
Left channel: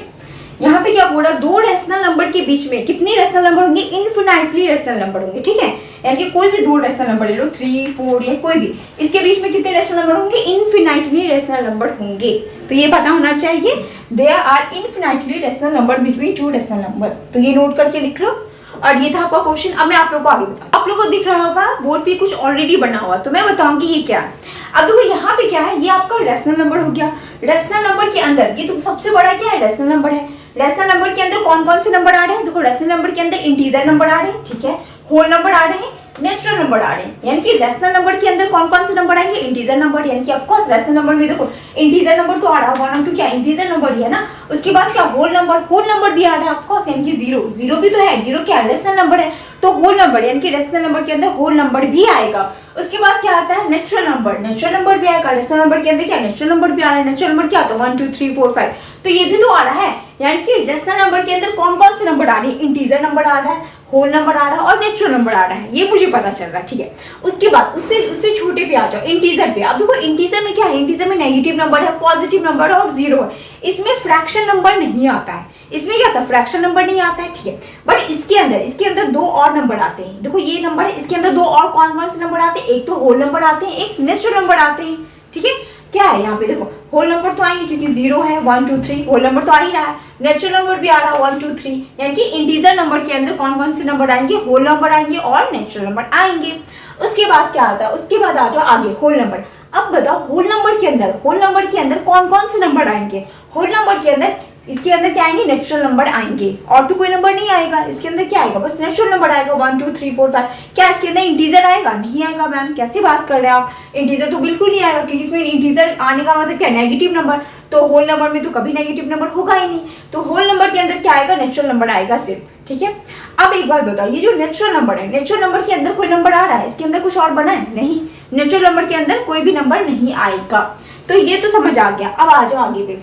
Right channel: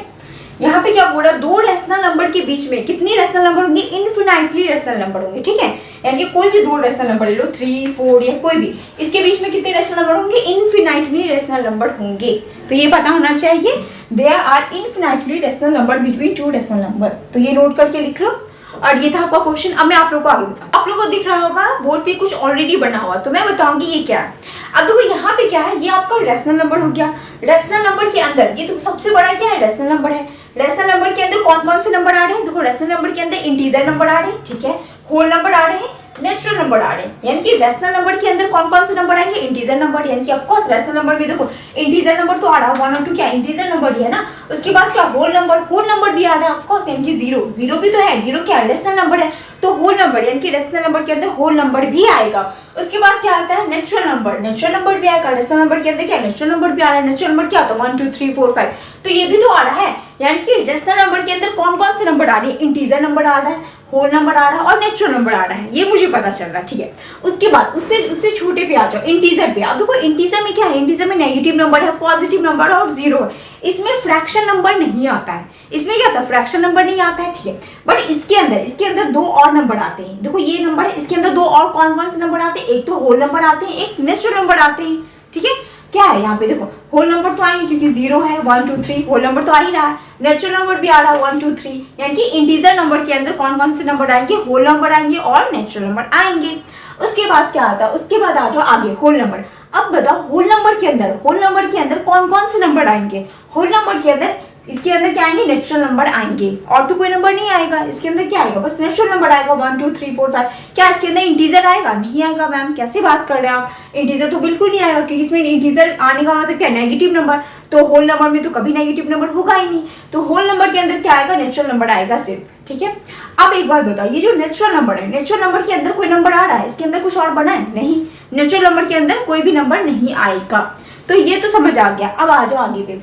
यहाँ पे क्या बोल रहा है, दो रेशनल नंबर के बीच में कितने रेशनल नंबर होंगे, इनफिनाइटली रेशनल नंबर होंगे, ठीक है। यानी कि कोई भी दो रेशनल नंबर ले लो, 3, 4 या कोई भी, इसके बीच में कितने रेशनल नंबर होंगे, इनफिनाइटली रेशनल नंबर होंगे। तो ये पता होना चाहिए, there are infinitely rational number between two rational number. तो ये नोट करके लिख लो। और ये था आपका क्वेश्चन। अब मैं आप लोगों को आगे बताऊँ, आप लोगों को दिख रहा होगा बोर्ड पे कुछ ऑलरेडी बना हुआ, तो मैं बताऊंगी ये क्या है। अब देखो यहाँ पे क्या है, ये आपका रेशनल नंबर हो गया। रेशनल नंबर के अंदर ये तो सबसे बड़ा क्या है, रेशनल नंबर है। रेशनल नंबर के अंदर कौन कौन से नंबर आ रहे हैं, देखो रेशनल नंबर के अंदर इंटीजर नंबर आ रहे हैं, ठीक है, होल नंबर आ रहे हैं, नेचुरल नंबर आ रहे हैं। यानी कि रेशनल नंबर के अंदर कौन कौन से नंबर आएंगे, इंटीजर नंबर। यानी कि ऑफ कोर्स रेशनल नंबर में देखो इंटीजर नंबर तो आ रहा है 1 और 2, क्या इंटीजर नंबर ही है ना। उसके बाद क्या, होल नंबर भी आ रहा है ऑफ कोर्स, यानी कि जीरो भी तो है, जीरो क्या है, रेशनल नंबर है, तो होल नंबर यानी कि रेशनल नंबर के अंदर होल नंबर भी आएगा। उसके बाद क्या आता है, नेचुरल नंबर भी आएगा। रेशनल नंबर के अंदर क्या, नेचुरल नंबर भी आ रहा है। नेचुरल नंबर क्या होता है, 1, 2, 3, 4, 5, तो ये भी तो आ रहा है। यानी कि रेशनल नंबर के अंदर कौन कौन से नंबर आ रहे हैं, इंटीजर नंबर आ रहा है, होल नंबर आ रहा है और नेचुरल नंबर आ रहा है, ये मुझे पता चल रहा है, ठीक है। उसके बाद उससे छोटे पे आ जाओ, इंटीजर पे। अब देखो इंटीजर में क्या है, इंटीजर में नेगेटिव नंबर है, पॉजिटिव नंबर और जीरो है। इसमें फ्रैक्शन नंबर नहीं आता है, इसमें क्या आता है, फ्रैक्शन नंबर नहीं आता है, ठीक है। बट इसके अंदर दो और नंबर आते हैं। देखो ये नंबर है, इसके अंदर दो और कौन कौन से नंबर आते हैं, एक तो होल नंबर आते हैं, एक नेचुरल नंबर आते हैं, ठीक है। क्या है यहाँ पे देखो, होल नंबर तो आएंगे क्योंकि जीरो है, 1, 2, 3 होल नंबर तो आ ही रहा है, नेचुरल नंबर भी आ रहा है 1, 2, 3। यानी कि इंटीजर नंबर के अंदर कौन कौन से नंबर आएंगे, होल नंबर आएंगे और नेचुरल नंबर आएंगे। उसके बाद क्या आता है, उसके बाद आ जाओ आगे, होल नंबर। अब बताओ होल नंबर के अंदर कौन कौन से नंबर आएंगे, होल नंबर के अंदर इसके अंदर क्या आएंगे, नेचुरल नंबर आएंगे, और तो कोई नंबर नहीं आएगा। इसके अंदर क्या आएगा, बस नेचुरल नंबर आएगा, 1, 2, 3, 4, 5। क्या इसके अंदर इंटीजर आएगा, नहीं आएगा। मैम कैसे बात कर रहे हैं आप, इंटीजर तो बिल्कुल नहीं आएगा, क्योंकि इसमें इंटीजर आने का मतलब क्या, नेगेटिव नंबर। तो होल नंबर में तो कभी नेगेटिव नंबर होगा ही नहीं। तो होल नंबर के अंदर क्या आएगा, नेचुरल नंबर आएगा सिर्फ, ठीक है। अब एक बात बताओ, ये जो नेचुरल नंबर है, नेचुरल नंबर के अंदर कोई नंबर आ रहा है, इसके अंदर कुछ और बना है, नहीं, नेचुरल नंबर के अंदर कोई भी नंबर नहीं आएगा। तो ये तो समझ आ गया। अब आ जाओ आगे पे।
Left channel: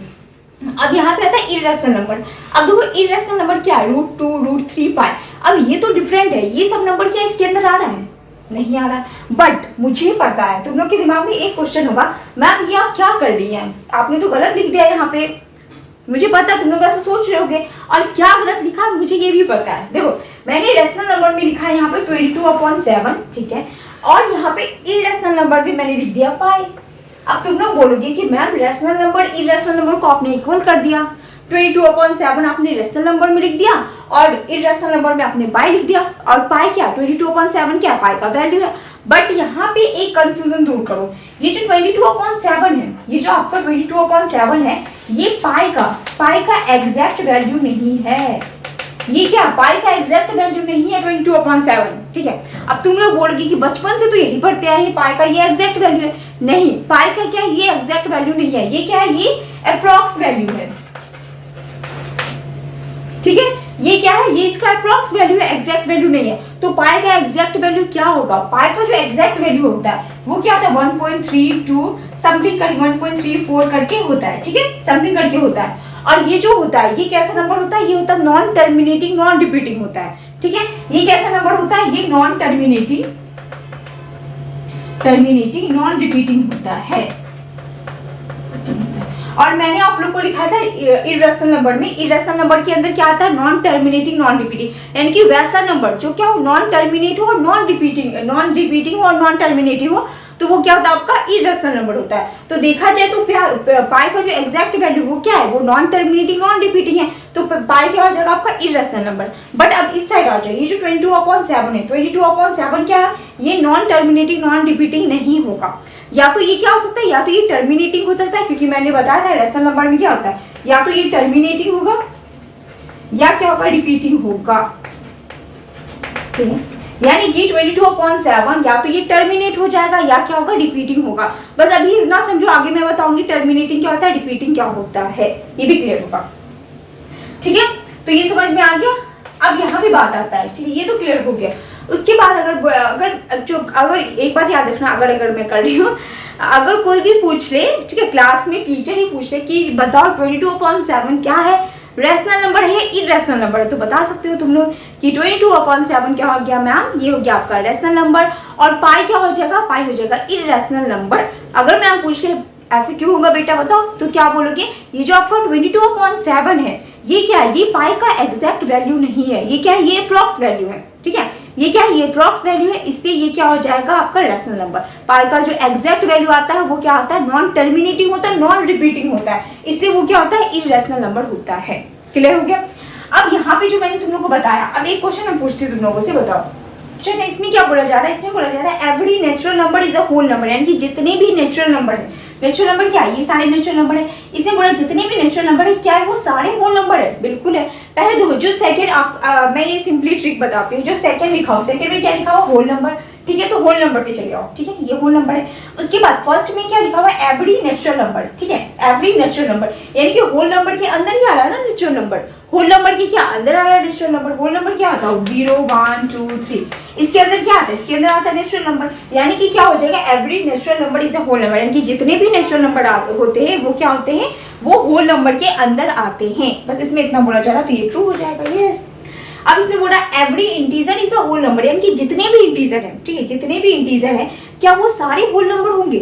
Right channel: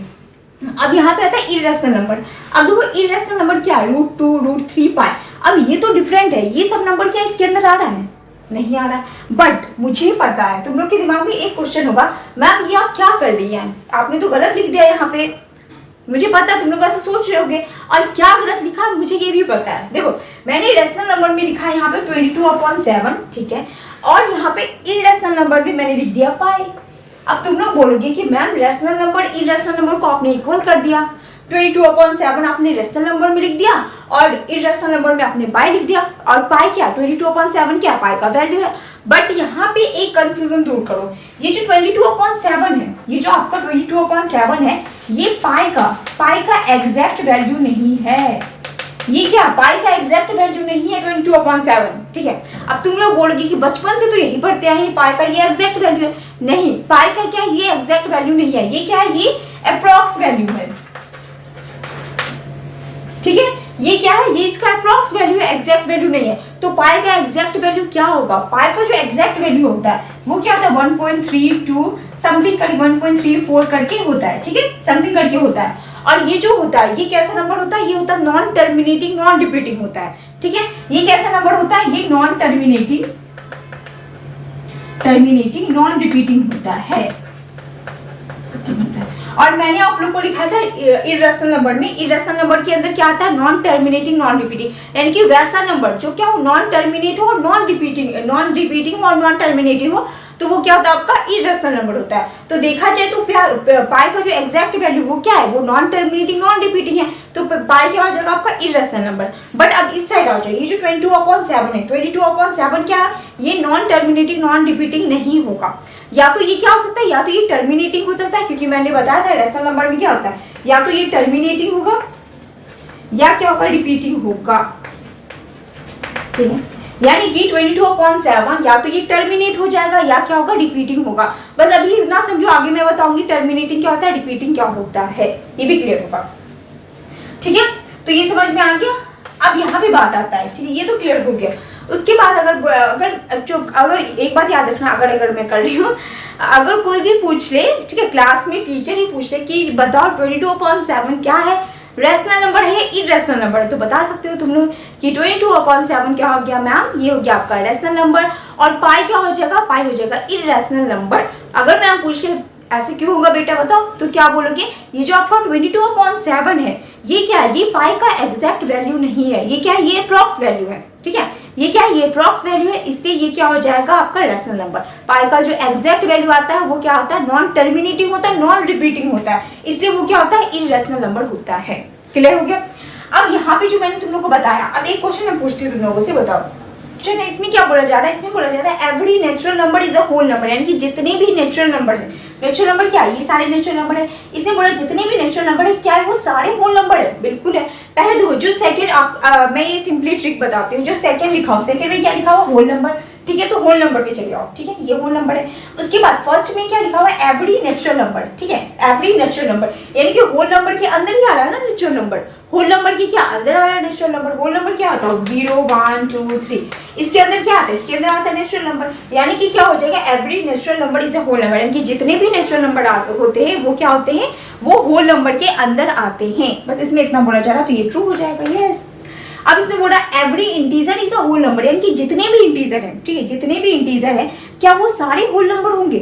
अब यहाँ पे आता है इरेशनल नंबर। अब देखो इरेशनल नंबर क्या है, √2, √3, पाई। अब ये तो डिफरेंट है, ये सब नंबर क्या इसके अंदर आ रहा है, नहीं आ रहा। बट मुझे पता है तुम लोग के दिमाग में एक क्वेश्चन होगा, मैम ये आप क्या कर रही हैं, आपने तो गलत लिख दिया यहाँ पे। मुझे पता है तुम लोग ऐसे सोच रहे होगे, और क्या गलत लिखा मुझे ये भी पता है। देखो मैंने रेशनल नंबर में लिखा है यहाँ पे 22/7, ठीक है, और यहाँ पे इरेशनल नंबर भी मैंने लिख दिया पाई। अब तुम लोग बोलोगे कि ma'am rational number irrational number को आपने इक्वल कर दिया, 22/7 आपने रेशनल नंबर में लिख दिया और इरेशनल नंबर में आपने पाई लिख दिया, और पाई क्या, 22/7 क्या, पाई का वैल्यू है। बट यहाँ पे एक कंफ्यूजन दूर करो, ये जो 22/7 है, ये जो आपका 22/7 है, ये पाई का एग्जैक्ट वैल्यू नहीं है। ये क्या, पाई का एग्जैक्ट वैल्यू नहीं है 22/7, ठीक है। अब तुम लोग बोलोगे कि बचपन से तो यही पढ़ते हैं, पाई का ये एग्जैक्ट वैल्यू है। नहीं, पाई का क्या, ये एग्जैक्ट वैल्यू नहीं है, ये क्या है, ये अप्रॉक्स वैल्यू है, ठीक है। ये क्या है, ये इसका अप्रॉक्स वैल्यू है, एग्जैक्ट वैल्यू नहीं है। तो पाई का एग्जैक्ट वैल्यू क्या होगा, पाई का जो एग्जैक्ट वैल्यू होता है वो क्या होता है, 1.32 समथिंग करके 1.34 करके होता है, ठीक है, समथिंग करके होता है। और ये जो होता है, ये कैसा नंबर होता है, ये होता है नॉन टर्मिनेटिंग नॉन रिपीटिंग होता है, ठीक है। ये कैसा नंबर होता है, ये नॉन टर्मिनेटिंग नॉन रिपीटिंग होता है। और मैंने आप लोग को लिखा था इरेशनल नंबर में, इरेशनल नंबर के अंदर क्या आता है, नॉन टर्मिनेटिंग नॉन रिपीटिंग, यानी कि वैसा नंबर जो क्या हो, नॉन टर्मिनेट हो, नॉन रिपीटिंग और नॉन टर्मिनेटिंग हो, तो वो क्या होता है, आपका इरेशनल नंबर होता है। तो देखा जाए तो पाई का जो एग्जैक्ट वैल्यू वो क्या है, वो नॉन टर्मिनेटिंग नॉन रिपीटिंग है, तो पाई क्या हो जाएगा आपका इरेशनल नंबर। बट अब इस साइड आ जाओ, ये जो 22/7 है, 22/7 क्या है, ये नॉन टर्मिनेटिंग नॉन रिपीटिंग नहीं होगा। या तो ये क्या हो सकता है, या तो ये टर्मिनेटिंग हो सकता है, क्योंकि मैंने बताया था रेशनल नंबर में क्या होता है, या तो ये टर्मिनेटिंग होगा या क्या होगा, रिपीटिंग होगा, ठीक है। यानी कि 22/7 या तो ये टर्मिनेट हो जाएगा या क्या होगा, रिपीटिंग होगा। बस अभी इतना समझो, आगे मैं बताऊंगी टर्मिनेटिंग क्या होता है, रिपीटिंग क्या होता है, ये भी क्लियर होगा, ठीक है। तो ये समझ में आ गया। अब यहाँ पे बात आता है, ठीक है, ये तो क्लियर हो गया। उसके बाद अगर एक बात याद रखना, अगर मैं कर रही हूँ, अगर कोई भी पूछ ले, ठीक है, क्लास में टीचर ही पूछ ले कि बताओ 22/7 क्या है, रेशनल नंबर है, इरेशनल नंबर है, तो बता सकते हो तुम लोग कि 22/7 क्या हो गया मैम, ये हो गया आपका रेशनल नंबर, और पाई क्या हो जाएगा, पाई हो जाएगा इरेशनल नंबर। अगर मैम पूछे ऐसे क्यों होगा बेटा बताओ, तो क्या बोलोगे, ये जो आपका 22/7 है ये क्या है, ये पाई का एग्जैक्ट वैल्यू नहीं है, ये क्या है, ये अप्रॉक्स वैल्यू है, ठीक है, ये क्या है, ये अप्रॉक्स वैल्यू है, इसलिए ये क्या हो जाएगा आपका रेशनल नंबर। पाई का जो एग्जैक्ट वैल्यू आता है वो क्या होता है, नॉन टर्मिनेटिंग होता है, नॉन रिपीटिंग होता है, इसलिए वो क्या होता है, इररेशनल नंबर होता है। क्लियर हो गया। अब यहाँ पे जो मैंने तुम लोग को बताया, अब एक क्वेश्चन मैं पूछती हूँ तुम लोगों से, बताओ चलो इसमें क्या बोला जा रहा है, इसमें बोला जा रहा है every natural number is a whole number, यानी कि जितने भी नेचुरल नंबर है, नेचुरल नंबर क्या है, ये सारे नेचुरल नंबर है, इसमें बोला जितने भी नेचुरल नंबर है क्या है, वो सारे होल नंबर है, बिल्कुल है। पहले देखो जो सेकंड आप मैं ये सिंपली ट्रिक बताती हूँ, जो सेकंड लिखा हो, सेकंड में क्या लिखा हुआ, होल नंबर, ठीक है, तो होल नंबर पे चले जाओ, ठीक है, ये होल नंबर है। उसके बाद फर्स्ट में क्या लिखा हुआ है, एवरी नेचुरल नंबर, ठीक है, एवरी नेचुरल नंबर, यानी कि होल नंबर के अंदर ही आ रहा है ना नेचुरल नंबर, होल नंबर के क्या अंदर आ रहा है नेचुरल नंबर, होल नंबर क्या आता है 0 1 2 3, इसके अंदर क्या आता है, इसके अंदर आता है नेचुरल नंबर, यानी कि क्या हो जाएगा, every natural number is a whole number, यानी कि जितने भी नेचुरल नंबर होते हैं वो क्या होते हैं, वो होल नंबर के अंदर आते हैं, बस इसमें इतना बोला जा रहा है, तो ये ट्रू हो जाएगा, यस। अब इसमें बोला every integer is a whole number, यानी कि जितने भी इंटीजर हैं, ठीक है, जितने भी इंटीजर हैं क्या वो सारे होल नंबर होंगे,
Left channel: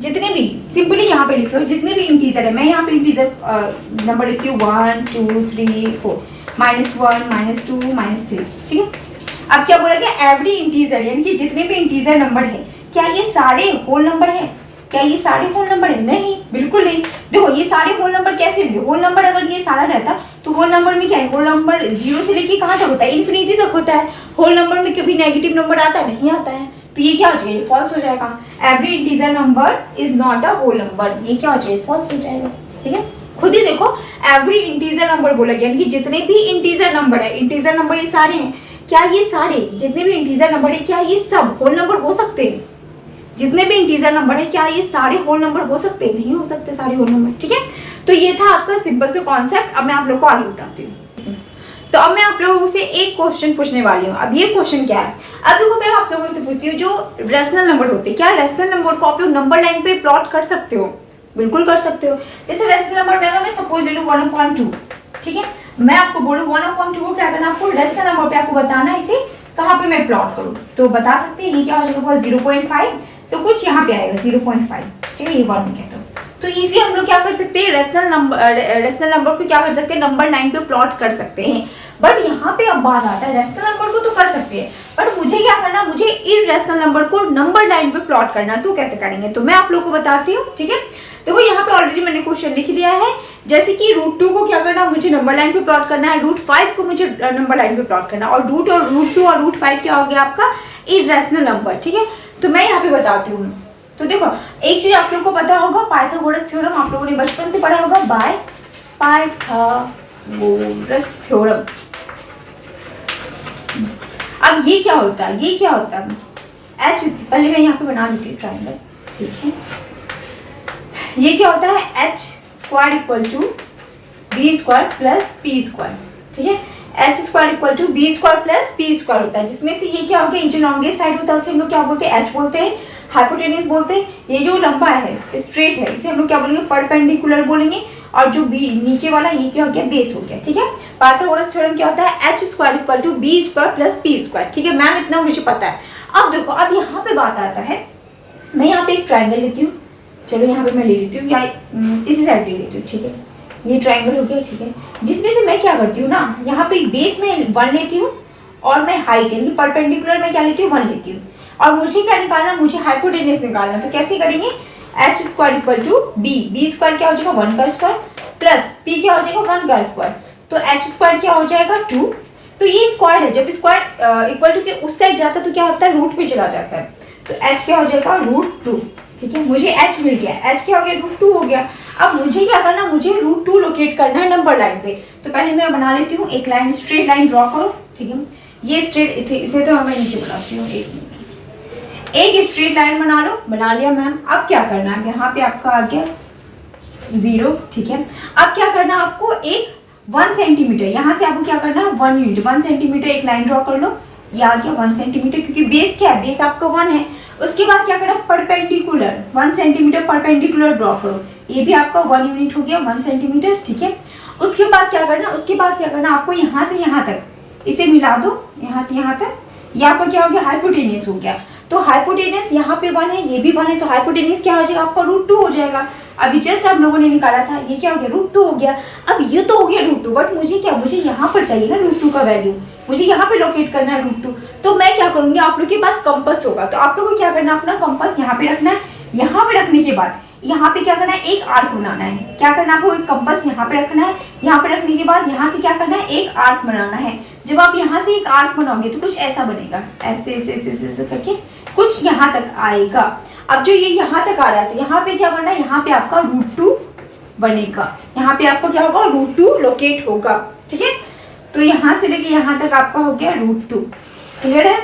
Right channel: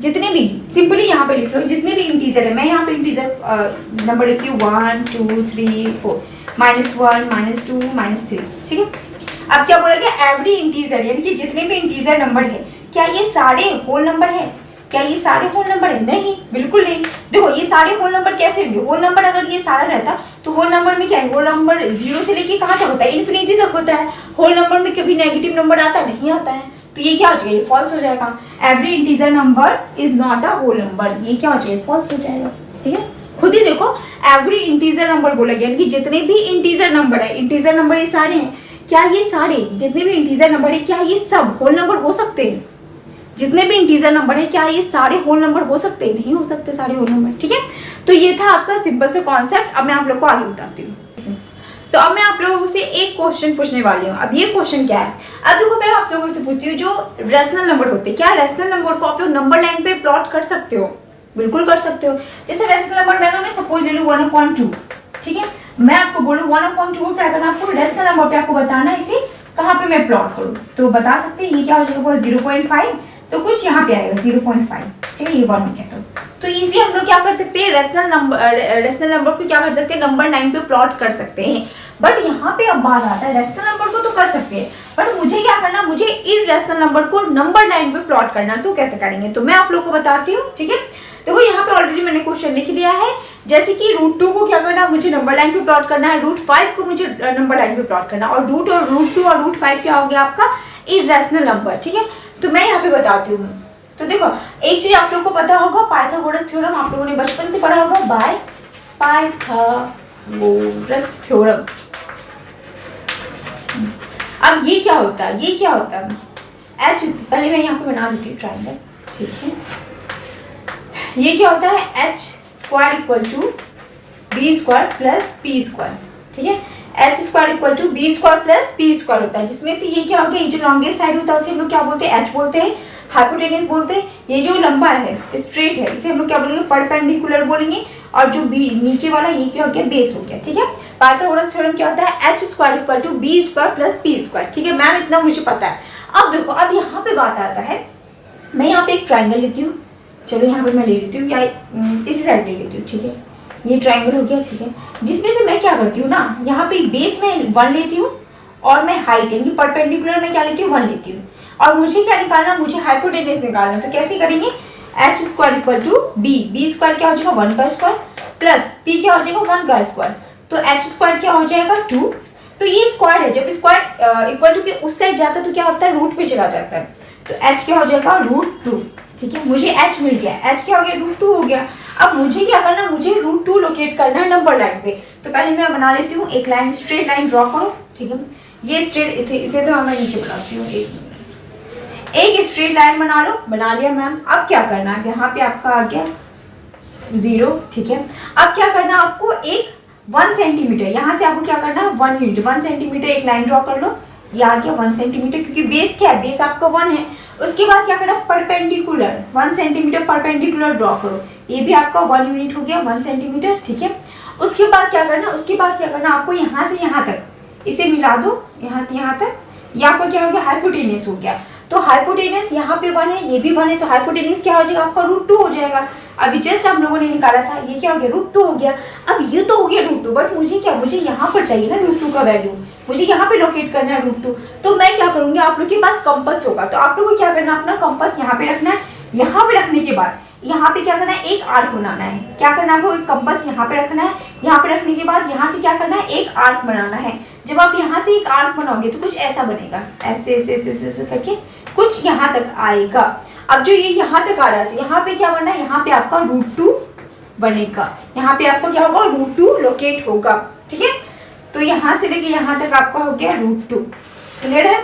जितने भी, सिंपली यहाँ पे लिख लो जितने भी इंटीजर है, मैं यहाँ पे इंटीजर नंबर लिखती हूँ 1 2 3 4 -1 -2 -3, ठीक है। अब क्या बोला गया, एवरी इंटीजर, यानी कि जितने भी इंटीजर नंबर है क्या ये सारे होल नंबर है, क्या ये सारे होल नंबर है, नहीं, बिल्कुल नहीं। देखो ये सारे होल नंबर कैसे होंगे, होल नंबर अगर ये सारा रहता तो होल नंबर में क्या है, होल नंबर 0 से लेके कहाँ तक होता है, इन्फिनिटी तक होता है, होल नंबर में कभी नेगेटिव नंबर आता नहीं आता है, तो ये क्या हो जाएगा, ये फॉल्स हो जाएगा, every integer number is not a whole number, ये क्या हो जाएगा, फॉल्स हो जाएगा, ठीक है। खुद ही देखो एवरी इंटीजर नंबर बोला गया, यानी कि जितने भी इंटीजर नंबर है, इंटीजर नंबर ये सारे हैं, क्या ये सारे जितने भी इंटीजर नंबर है क्या ये सब होल नंबर हो सकते हैं, जितने भी इंटीजर नंबर है क्या ये सारे होल नंबर हो सकते हैं, नहीं हो सकते सारे होल नंबर, ठीक है। तो ये था आपका सिंपल से कॉन्सेप्ट। अब मैं आप लोग को आगे बताती हूँ। तो अब मैं आप लोगों से एक क्वेश्चन पूछने वाली हूँ। अब ये क्वेश्चन क्या है, अब देखो मैं आप लोगों से पूछती हूँ, जो रेशनल नंबर होते हैं क्या रेशनल नंबर को आप लोग नंबर लाइन पे प्लॉट कर सकते हो, बिल्कुल कर सकते हो। जैसे रेशनल नंबर अगर मैं सपोज ले लूँ 1/2, ठीक है, मैं आपको बोलूँ 1/2 को क्या करना, आपको रेशनल नंबर पे आपको बताना है इसे कहाँ पे मैं प्लॉट करूँ, तो बता सकते हैं ये क्या हो जाएगा 0.5, तो कुछ यहाँ पे आएगा 0.5, ठीक है, ये 1 में कहता हूँ। तो इजी हम लोग क्या कर सकते हैं, रेशनल नंबर को क्या कर सकते हैं, नंबर लाइन पे प्लॉट कर सकते हैं। बट यहाँ पे अब बात आता है, रेशनल नंबर को तो कर सकते हैं बट मुझे क्या करना, मुझे इररेशनल नंबर को नंबर लाइन पे प्लॉट करना, तो कैसे करेंगे, तो मैं आप लोग को बताती हूँ, ठीक है। देखो यहाँ पे ऑलरेडी मैंने क्वेश्चन लिख दिया है, जैसे कि √2 को क्या करना, मुझे नंबर लाइन पे प्लॉट करना है, √5 को मुझे नंबर लाइन पे प्लॉट करना, और √2 और √5 क्या हो गया आपका इररेशनल नंबर, ठीक है। तो मैं यहाँ पे बताती हूँ। तो देखो एक चीज आप लोग को पता होगा, पाइथागोरस थ्योरम आप लोगों ने बचपन से पढ़ा होगा, बाय पाइथागोरस थ्योरम। अब ये क्या होता है, ये क्या होता है, एच, पहले मैं यहाँ पे बना देती हूँ ट्राइंगल, ठीक है। ये क्या होता है, h² = b² + p², ठीक है, h² = b² + p² होता है, जिसमें से ये क्या हो गया, ये जो लॉन्गेस्ट साइड होता है उसे हम लोग क्या बोलते हैं, h बोलते हैं, हाइपोटेनस बोलते हैं, ये जो लंबा है स्ट्रेट है इसे हम लोग क्या बोलेंगे, परपेंडिकुलर बोलेंगे, और जो बी नीचे वाला ये क्या हो गया, बेस हो गया, ठीक है। पाइथागोरस थ्योरम क्या होता है, h² = b² + p², ठीक है मैम, इतना मुझे पता है। अब देखो अब यहाँ पे बात आता है, मैं यहाँ पे एक ट्राइंगल लेती हूँ, चलो यहाँ पे मैं ले लेती हूँ, या इसी साइड पे लेती हूँ, ठीक है, ये ट्राइंगल हो गया, ठीक है, जिसमें से मैं क्या करती हूँ ना, यहाँ पे बेस में 1 लेती हूँ, और मैं हाइट यानी परपेंडिकुलर में क्या लेती हूँ, 1 लेती हूँ, और मुझे क्या निकालना, मुझे हाइपोटेनस निकालना, तो कैसे करेंगे, h² = b² क्या हो जाएगा 1 का स्क्वायर, प्लस p क्या हो जाएगा 1 का स्क्वायर, तो h² क्या हो जाएगा 2, तो ये स्क्वायर है, जब स्क्वायर इक्वल टू के उस साइड जाता है तो क्या होता है, रूट पे चला जाता है, तो h क्या हो जाएगा √2, ठीक है, मुझे h मिल गया, h क्या हो गया √2 हो गया। अब मुझे क्या करना, मुझे √2 लोकेट करना है नंबर लाइन पे, तो पहले मैं बना लेती हूँ एक लाइन, स्ट्रेट लाइन ड्रॉ करो, ठीक है, ये स्ट्रेट, इसे तो मैं नीचे बनाती हूँ, एक स्ट्रेट लाइन बना लो, बना लिया मैम। अब क्या करना है, यहाँ पे आपका आ गया 0, ठीक है। अब क्या करना आपको, एक 1 सेंटीमीटर, यहाँ से आपको क्या करना है 1 यूनिट, 1 सेंटीमीटर एक लाइन ड्रॉ कर लो, ये आ गया 1 सेंटीमीटर, क्योंकि बेस क्या है, बेस आपका 1 है। उसके बाद क्या करना, परपेंडिकुलर 1 सेंटीमीटर परपेंडिकुलर ड्रॉ करो, ये भी आपका 1 यूनिट हो गया 1 सेंटीमीटर, ठीक है। उसके बाद क्या करना, उसके बाद क्या करना आपको, यहाँ से यहाँ तक इसे मिला दो, यहाँ से यहाँ तक, ये आपका क्या हो गया हाइपोटेनस हो गया। तो हाइपोटेनस यहाँ पे 1 है, ये भी 1 है, तो हाइपोटेनस क्या हो जाएगा आपका √2 हो जाएगा। अभी जस्ट आप लोगों ने निकाला था, ये क्या हो गया √2 हो गया। अब ये तो हो गया √2, बट मुझे क्या, मुझे यहाँ पर चाहिए ना √2 का वैल्यू, मुझे यहाँ पे लोकेट करना है √2। तो मैं क्या करूँगी, आप लोग के पास कंपास होगा तो आप लोग को क्या करना है, अपना कंपास यहाँ पे रखना है। यहाँ पे रखने के बाद यहाँ पे क्या करना है, एक आर्क बनाना है। क्या करना है आपको, एक कंपास यहाँ पे रखना है। यहाँ पे रखने के बाद यहाँ से क्या करना है, एक आर्क बनाना है। जब आप यहाँ से एक आर्क बनाओगे तो कुछ ऐसा बनेगा, ऐसे ऐसे ऐसे ऐसे करके कुछ यहाँ तक आएगा। अब जो ये यहाँ तक आ रहा है तो यहाँ पे क्या बनना है, यहाँ पे आपका √2 बनेगा। यहाँ पे आपको क्या होगा, √2 लोकेट होगा। ठीक है, तो यहाँ से लेके यहाँ तक आपका हो गया √2। क्लियर है,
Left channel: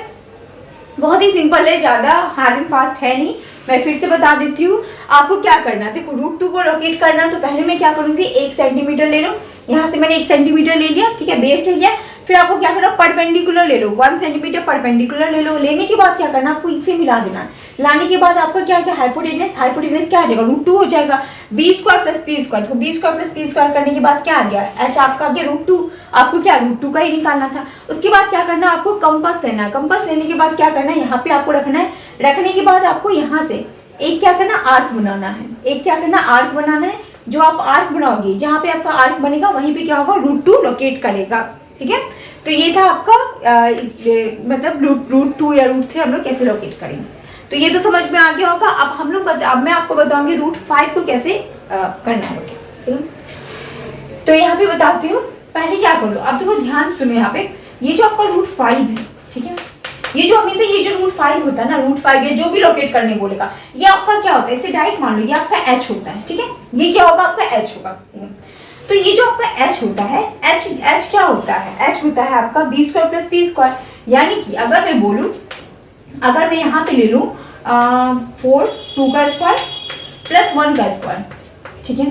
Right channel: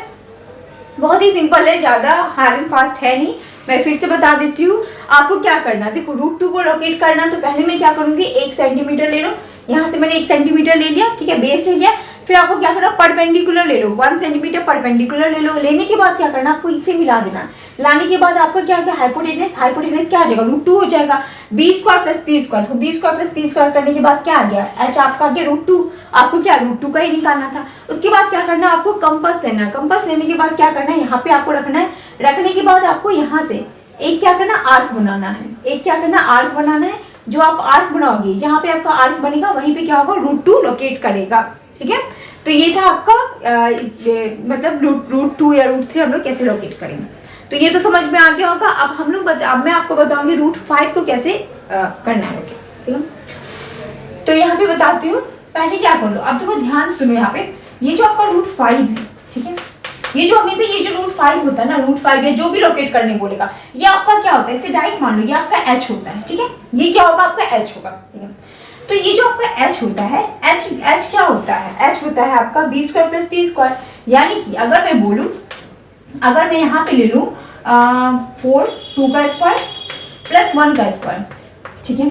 बहुत ही सिंपल है, ज़्यादा हार्ड एंड फास्ट है नहीं। मैं फिर से बता देती हूँ आपको क्या करना है। देखो √2 को लोकेट करना, तो पहले मैं क्या करूँगी, 1 सेंटीमीटर ले लो। यहाँ से मैंने 1 सेंटीमीटर ले लिया, ठीक है, बेस ले लिया। फिर आपको क्या करना, परपेंडिकुलर ले लो, 1 सेंटीमीटर परपेंडिकुलर ले लो। लेने के बाद क्या करना, आपको इसे मिला देना। लाने के बाद आपका क्या क्या, हाइपोटेनस, हाइपोटेनस क्या आ जाएगा, √2 हो जाएगा। b² + p², तो b² + p² करने के बाद क्या आ गया, h आपका आ गया √2। आपको क्या √2 का ही निकालना था। उसके बाद क्या करना, आपको कंपास लेना है। कंपास लेने के बाद क्या करना है, यहाँ पे आपको रखना है। रखने के बाद आपको यहाँ से एक क्या करना, आर्क बनाना है। एक क्या करना, आर्क बनाना है। जो आप आर्क बनाओगे, जहाँ पे आपका आर्क बनेगा वहीं पे क्या होगा, √2 लोकेट करेगा। ठीक है, तो ये था आपका मतलब √2 या √3 हम लोग कैसे लोकेट करेंगे, तो ये तो समझ में आ गया होगा। अब हम लोग अब मैं आपको बताऊंगी √5 को कैसे करना है लोकेट। ठीक है, तो यहाँ पे बताती हूँ। पहले क्या कर लो, अब देखो ध्यान से सुनो। यहाँ पे ये जो आपका √5 है, ठीक है, ये जो हमेशा ये जो √5 होता है ना, √5 या जो भी लोकेट करने बोलेगा, ये आपका क्या होता है, इसे डायरेक्ट मान लो, ये आपका h होता है। ठीक है, ये क्या होगा, आपका h होगा। ठीक है, तो ये जो आपका h होता है, h क्या होता है, h होता है आपका b² + p²। यानी कि अगर मैं बोलूं, अगर मैं यहाँ पे ले लूँ 4 2 का स्क्वायर + 1 का स्क्वायर, ठीक है,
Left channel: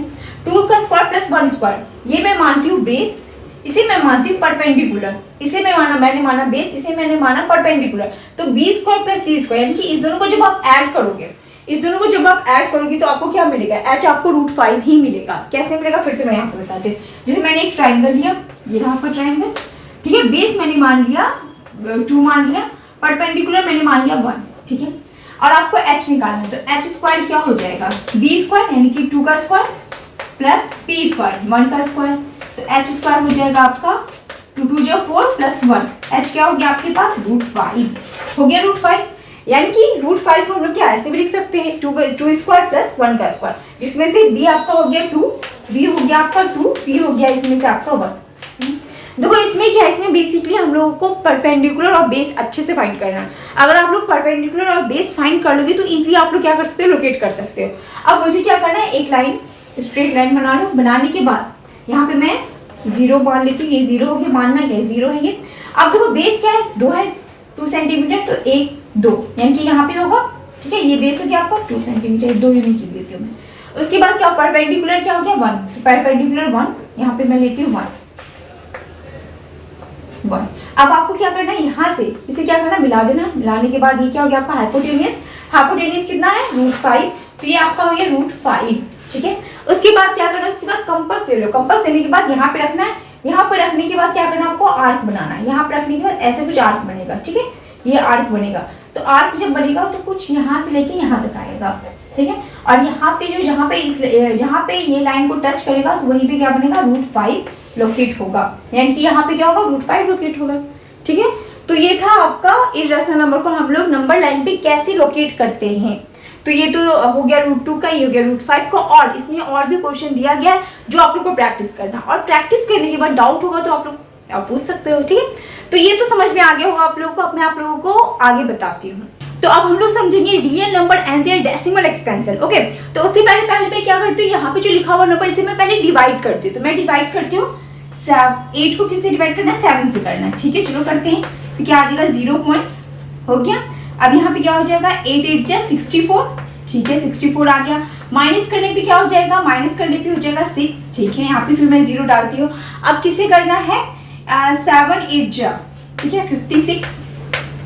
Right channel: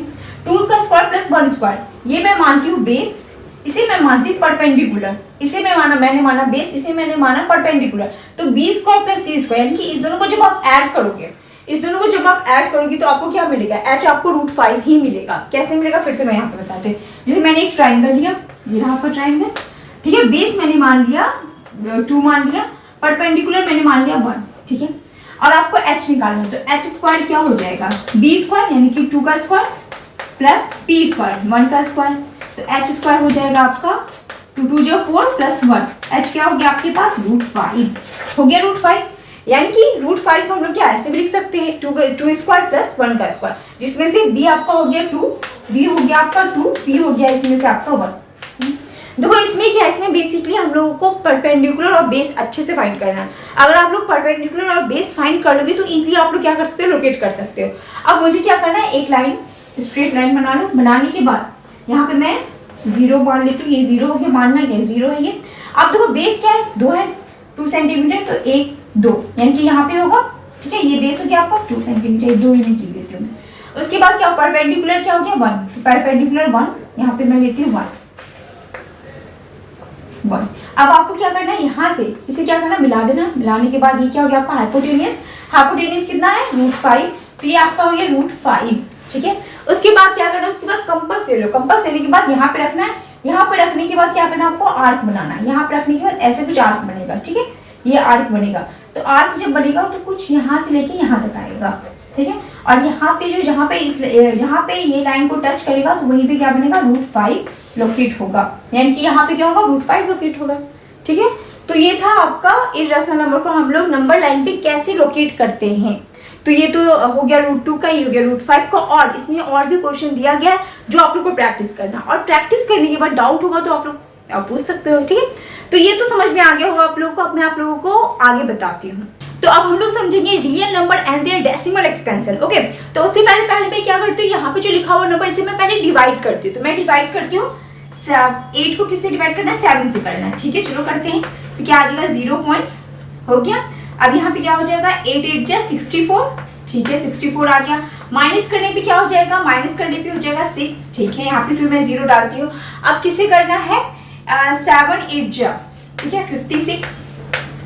2 का स्क्वायर + 1 स्क्वायर, ये मैं मानती हूँ बेस, इसे मैं मानती हूँ परपेंडिकुलर। इसे मैंने माना बेस, इसे मैंने माना परपेंडिकुलर। तो b² + p², यानी कि इस दोनों को जब आप ऐड करोगे, इस दोनों को जब आप ऐड करोगे तो आपको क्या मिलेगा, h आपको √5 ही मिलेगा। कैसे मिलेगा, फिर से मैं यहाँ पे बताती हूँ। जैसे मैंने एक ट्राइंगल लिया, ये रहा आपका ट्राइंगल, ठीक है, बेस मैंने मान लिया 2 मान लिया, परपेंडिकुलर मैंने मान लिया 1। ठीक है, और आपको h निकालना है, तो h² क्या हो जाएगा, b² यानी कि 2 का स्क्वायर + p² 1 का स्क्वायर, तो h² हो जाएगा आपका 2 2 जो 4 + 1, h क्या हो गया आपके पास, √5 हो गया। √5 यानी कि √5 को हम लोग क्या ऐसे भी लिख सकते हैं, 2² + 1 का स्क्वायर, जिसमें से b आपका हो गया 2, b हो गया आपका 2, p हो गया इसमें से आपका 1। देखो इसमें क्या है, इसमें बेसिकली हम लोगों को परपेंडिकुलर और बेस अच्छे से फाइंड करना है। अगर आप लोग परपेंडिकुलर और बेस फाइंड कर लोगे तो इजीली आप लोग क्या कर सकते हो, लोकेट कर सकते हो। अब मुझे क्या करना है, एक लाइन, स्ट्रेट लाइन बना लो। बनाने के बाद यहाँ पे मैं 0 मान लेती हूँ, ये 0 हो गया, मानना क्या है, 0 है ये। अब देखो बेस क्या है, 2 है, 2 सेंटीमीटर, तो 1 2 यानी कि यहाँ पे होगा। ठीक है, ये बेस हो गया आपका 2 सेंटीमीटर, 2 यूनिट लिख देती हूँ मैं। उसके बाद क्या, परपेंडिकुलर क्या हो गया 1, तो परपेंडिकुलर 1 यहाँ पे मैं लेती हूँ 1। अब आपको क्या करना है, यहाँ से इसे क्या करना, मिला देना। मिलाने के बाद ये क्या हो गया आपका हाइपोटेनियस। हाइपोटेनियस कितना है, √5, तो ये आपका हो गया √5। ठीक है, उसके बाद क्या करना है, उसके बाद कंपास ले लो। कंपास लेने के बाद यहाँ पे रखना है। यहाँ पे रखने के बाद क्या करना है, आपको आर्क बनाना है। यहाँ पे रखने के बाद ऐसे कुछ आर्क बनेगा। ठीक है, ये आर्क बनेगा। तो आर्क जब बनेगा तो कुछ यहाँ से लेके यहाँ तक आएगा। ठीक है, और यहाँ पे जो जहाँ पे ये लाइन को टच करेगा तो वहीं पे क्या बनेगा, √5 लोकेट होगा। यानी कि यहाँ पे क्या होगा, √5 लोकेट होगा। ठीक है, तो ये था आपका इर्रेशनल नंबर को हम लोग नंबर लाइन पे कैसे लोकेट करते हैं। तो ये तो हो गया √2 का, ये हो गया √5 का। और इसमें और भी क्वेश्चन दिया गया है जो आप लोग को प्रैक्टिस करना, और प्रैक्टिस करने के बाद डाउट होगा तो आप पूछ सकते हो। ठीक है, तो ये तो समझ में आ गया होगा आप लोगों को। अब मैं आप लोगों को आगे बताती हूँ। तो अब हम लोग समझेंगे real number and their decimal expansion. Okay, तो उससे पहले मैं क्या करती हूँ, यहाँ पे जो लिखा हुआ नंबर इसे मैं पहले डिवाइड करती हूँ। तो मैं डिवाइड करती हूँ 8 को किससे डिवाइड करना है, 7 से करना है। ठीक है, चलो करते हैं। तो क्या आ जाएगा, 0 पॉइंट हो गया। अब यहाँ पे क्या हो जाएगा, 8 8 जा 64। ठीक है, 64 आ गया। माइनस करने पे क्या हो जाएगा, माइनस करने पे हो जाएगा 6। ठीक है, यहाँ पे फिर मैं 0 डालती हूँ। अब किसे करना है, 7 8 जा, ठीक है, 56।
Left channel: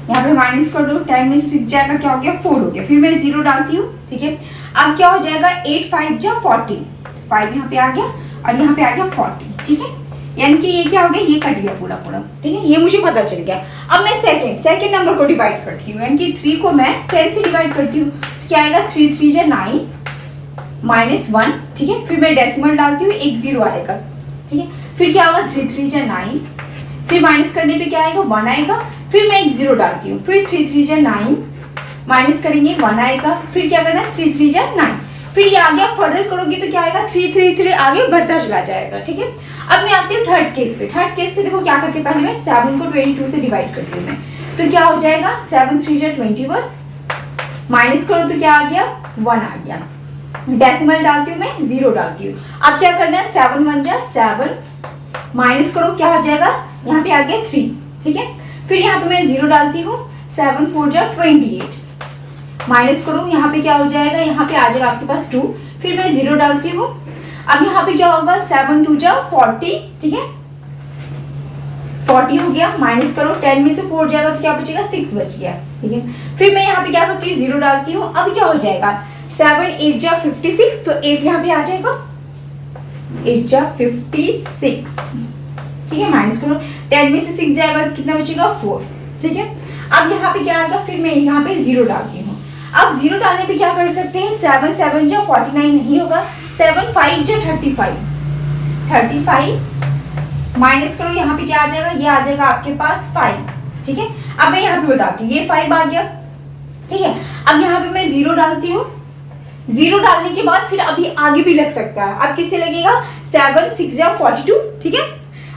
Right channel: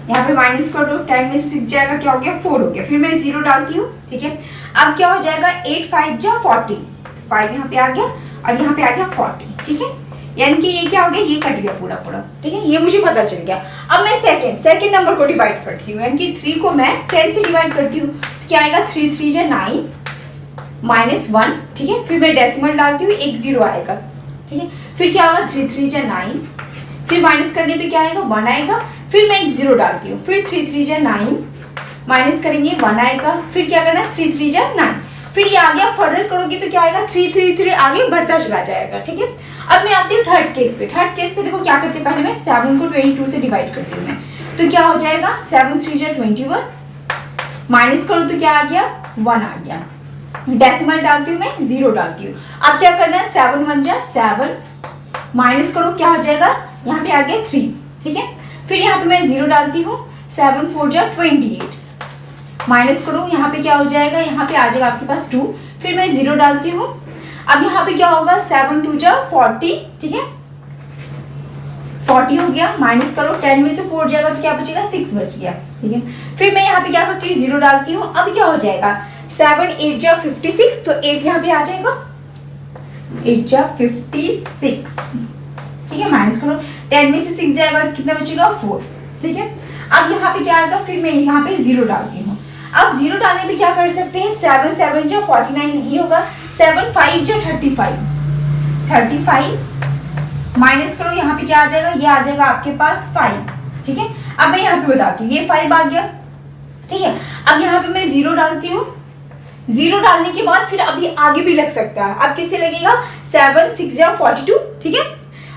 यहाँ पे माइनस कर दो, 10 में से 6 जाएगा, क्या हो गया, 4 हो गया। फिर मैं 0 डालती हूँ। ठीक है, अब क्या हो जाएगा, 8 5 जा 40, 5 यहाँ पे आ गया और यहाँ पे आ गया 40। ठीक है, यानी कि ये क्या हो गया, ये कट गया पूरा पूरा, ठीक है, ये मुझे पता चल गया। अब मैं सेकंड नंबर को डिवाइड करती हूँ, यानी कि 3 को मैं 10 से डिवाइड करती हूँ, तो क्या आएगा 3 3 जा 9 -1, ठीक है। फिर मैं डेसिमल डालती हूँ, एक 0 आएगा, ठीक है। फिर क्या होगा 3 3 जा 9, फिर माइनस करने पे क्या आएगा 1 आएगा, फिर मैं एक 0 डालती हूँ, फिर 3 3 जा 9 माइनस करेंगे 1 आएगा, फिर क्या करना 3 3 जा 9, फिर ये आ गया, फर्दर करोगे तो क्या आएगा 3 3 3 आगे बढ़ता चला जाएगा, ठीक है। अब मैं आती हूँ थर्ड केस पे देखो क्या करते हैं, पहले मैं 7 को 22 से डिवाइड करती हूँ मैं, तो क्या हो जाएगा 7 3 जा 21, माइनस करो तो क्या आ गया 1 आ गया, डेसिमल डालती हूँ मैं 0 डालती हूँ। अब क्या करना है 7 1 जा 7, माइनस करो क्या हो जाएगा, यहाँ पे आ गया 3, ठीक है। फिर यहाँ पे मैं 0 डालती हूँ, 7 4 जा 28, माइनस करो यहाँ पे क्या हो जाएगा, यहाँ पे आ जाएगा आपके पास 2, फिर मैं 0 डालती हूँ। अब यहाँ पे क्या होगा 7 2 जा 40, ठीक है, 40 हो गया, माइनस करो 10 में से 4 जाएगा तो क्या बचेगा 6 बच गया, ठीक है। फिर मैं यहाँ पे क्या करती हूँ 0 डालती हूँ। अब क्या हो जाएगा 7 8 जा 56, तो 8 यहाँ पे आ जाएगा, 8 जा 56, ठीक है, माइनस करो 10 में से 6 जाएगा कितना बचेगा 4, ठीक है। अब यहाँ पे क्या आएगा, फिर मैं यहाँ पे 0 डालती हूँ। अब 0 डालने पे क्या कर सकते हैं, 7 7 जा 49 नहीं होगा, 7 5 जा 35, माइनस करो यहाँ पे क्या आ जाएगा, ये आ जाएगा आपके पास 5, ठीक है। अब मैं यहाँ पे बताती हूँ, ये 5 आ गया, ठीक है। अब यहाँ पे मैं 0 डालती हूँ, 0 डालने के बाद फिर अभी आगे भी लग सकता है। अब किससे लगेगा 7 6 जा 42, ठीक है।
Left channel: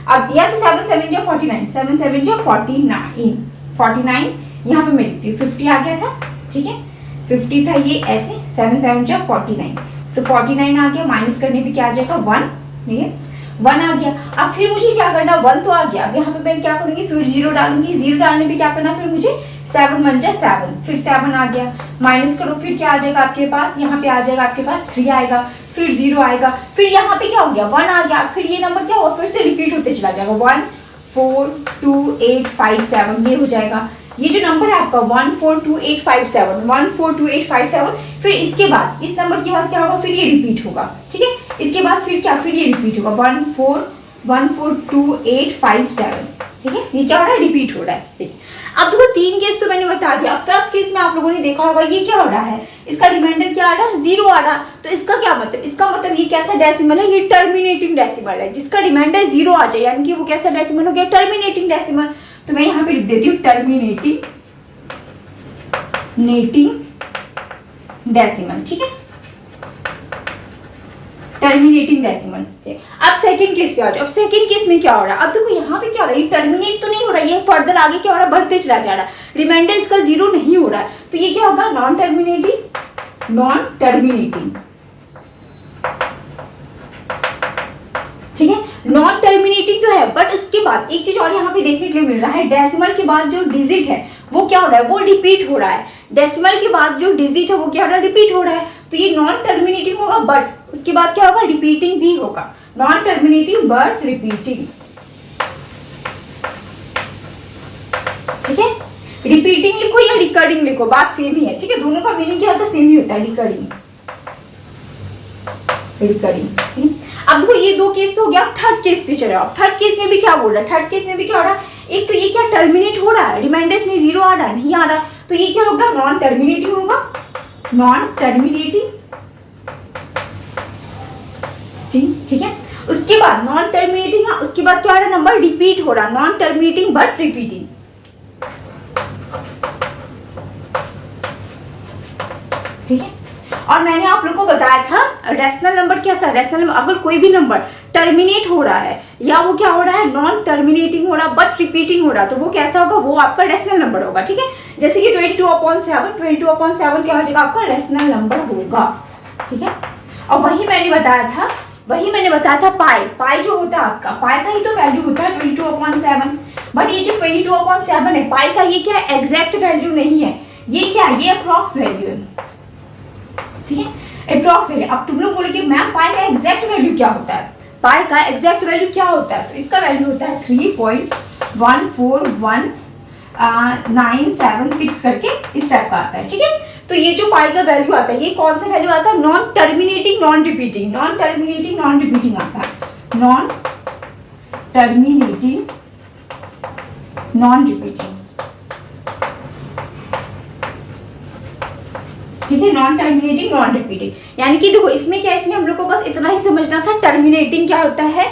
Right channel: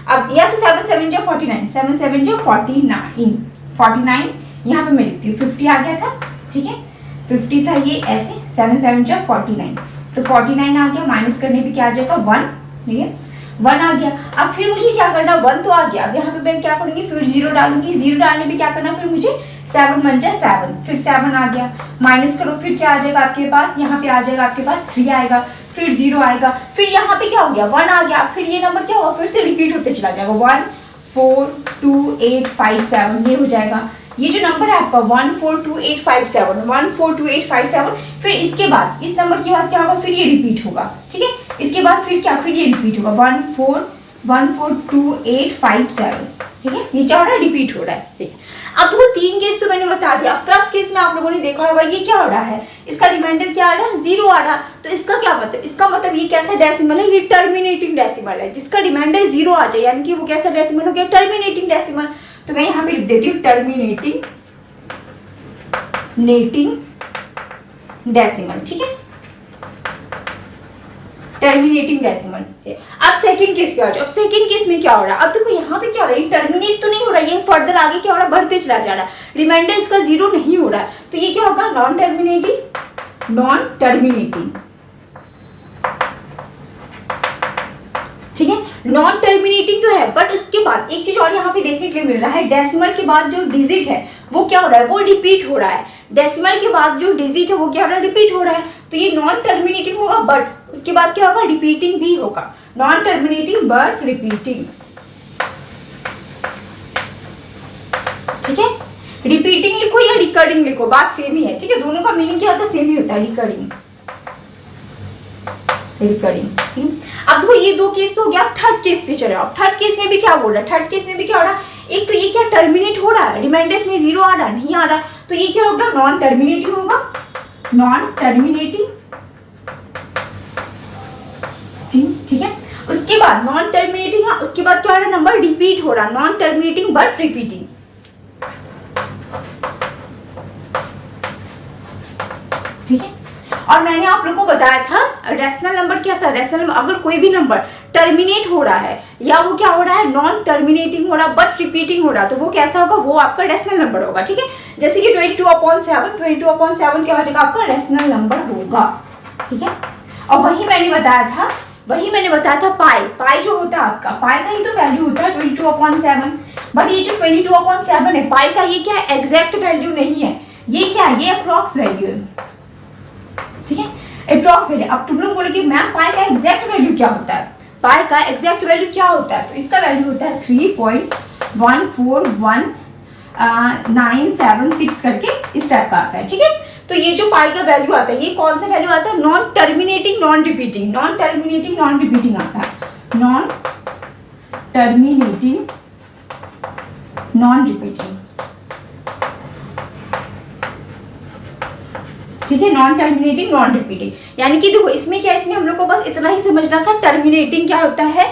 अब या तो 7 7 जा 49, 7 7 जा 49 यहाँ पे मैं लिखती हूँ, 50 आ गया था, ठीक है, 50 था ये ऐसे, 7 7 जा 49, तो 49 आ गया, माइनस करने पे क्या आ जाएगा 1, ठीक है, 1 आ गया। अब फिर मुझे क्या करना, 1 तो आ गया, अब यहाँ पे मैं क्या करूंगी, फिर 0 डालूंगी, 0 डालने पे क्या करना, फिर मुझे 7 1 जा 7, फिर 7 आ गया, माइनस करो, फिर क्या आ जाएगा आपके पास, यहाँ पे आ जाएगा आपके पास 3 आएगा, फिर 0 आएगा, फिर यहाँ पे क्या हो गया 1 आ गया, फिर ये नंबर क्या होगा, फिर से रिपीट होते चला जाएगा, 1 4 2 8 5 7, ये हो जाएगा। ये जो नंबर है आपका 1 4 2 8 5 7, 1 4 2 8 5 7, फिर इसके बाद इस नंबर के बाद क्या होगा, फिर ये रिपीट होगा, ठीक है। इसके बाद फिर क्या, फिर ये रिपीट होगा 1 4 2 8 5 7, ठीक है, ये क्या हो रहा है, रिपीट हो रहा है, ठीक है। अब देखो 3 केस तो मैंने बता दिया। फर्स्ट केस में आप लोगों ने देखा होगा ये क्या हो रहा है, इसका रिमाइंडर क्या आ रहा है 0 आ रहा, तो इसका क्या मतलब, इसका मतलब ये कैसा डेसिमल है, ये टर्मिनेटिंग डेसिमल है, जिसका रिमाइंडर 0 आ जाए, यानी कि वो कैसा डेसिमल हो गया, टर्मिनेटिंग डेसिमल। तो मैं यहाँ पे लिख देती हूँ टर्मिनेटिंग डेसिमल, ठीक है, टर्मिनेटिंग डेसिमल। अब सेकंड केस पे आ जाओ। अब सेकंड केस में क्या हो रहा है, अब देखो यहाँ पे क्या हो रहा है, ये टर्मिनेट तो नहीं हो रहा है, ये फर्दर आगे क्या हो रहा है, बढ़ते चला जा रहा है, रिमाइंडर इसका 0 नहीं हो रहा है, तो ये क्या होगा नॉन टर्मिनेटिंग, ठीक है, नॉन टर्मिनेटिंग तो है, बट उसके बाद एक चीज और यहाँ पे देखने के लिए मिल रहा है, डेसिमल के बाद जो डिजिट है वो क्या हो रहा है, वो रिपीट हो रहा है, डेसिमल के बाद जो डिजिट है वो क्या हो रहा है, रिपीट हो रहा है, तो ये नॉन टर्मिनेटिंग होगा, बट उसके बाद क्या होगा, रिपीटिंग भी होगा, नॉन टर्मिनेटिंग बट रिपीटिंग, ठीक है। रिपीटिंग लिखो या रिकरिंग लिखो, बात सेम ही है, ठीक है, दोनों का मीनिंग क्या होता है, सेम ही होता है, रिकरिंग। अब देखो ये 2 केस तो हो गया, थर्ड केस पे चले आओ। थर्ड केस में भी क्या बोल रहा है, थर्ड केस में भी क्या हो रहा है, एक तो ये क्या टर्मिनेट हो रहा है, रिमाइंडर्स में 0 आ रहा है, नहीं आ रहा, तो ये क्या होगा, नॉन टर्मिनेटिंग होगा, नॉन टर्मिनेटिंग, ठीक है। उसके बाद नॉन टर्मिनेटिंग, उसके बाद क्या हो रहा है, नंबर रिपीट हो रहा, नॉन टर्मिनेटिंग बट रिपीटिंग, ठीक है। और मैंने आप लोगों को बताया था रेशनल नंबर कैसा, रेशनल नंबर अगर कोई भी नंबर टर्मिनेट हो रहा है या वो क्या हो रहा है, नॉन टर्मिनेटिंग हो रहा बट रिपीटिंग हो रहा, तो वो कैसा होगा, वो आपका रेशनल नंबर होगा, ठीक है। जैसे कि 22/7 क्या हो जाएगा, आपका रेशनल नंबर होगा, ठीक है। और वही मैंने बताया था पाई जो होता है आपका, पाई का ही तो वैल्यू होता है 22/7, बट ये जो 22/7 है, पाई का ये क्या है, एग्जैक्ट वैल्यू नहीं है, ये क्या है, ये अप्रॉक्स वैल्यू है, ठीक है, अप्रॉक्स वैल्यू। अब तुम लोग बोलोगे मैम पाई का एग्जैक्ट वैल्यू क्या होता है, पाई का एग्जैक्ट वैल्यू क्या होता है, तो इसका वैल्यू होता है 3.141,976 करके इस टाइप का आता है, ठीक है। तो ये जो पाई का वैल्यू आता है, ये कौन सा वैल्यू आता है, नॉन टर्मिनेटिंग नॉन रिपीटिंग आता है, नॉन टर्मिनेटिंग नॉन रिपीटिंग, ठीक है, नॉन टर्मिनेटिंग नॉन रिपीटिंग। यानी कि देखो इसमें क्या है, इसमें हम लोग को बस इतना ही समझना था, टर्मिनेटिंग क्या होता है,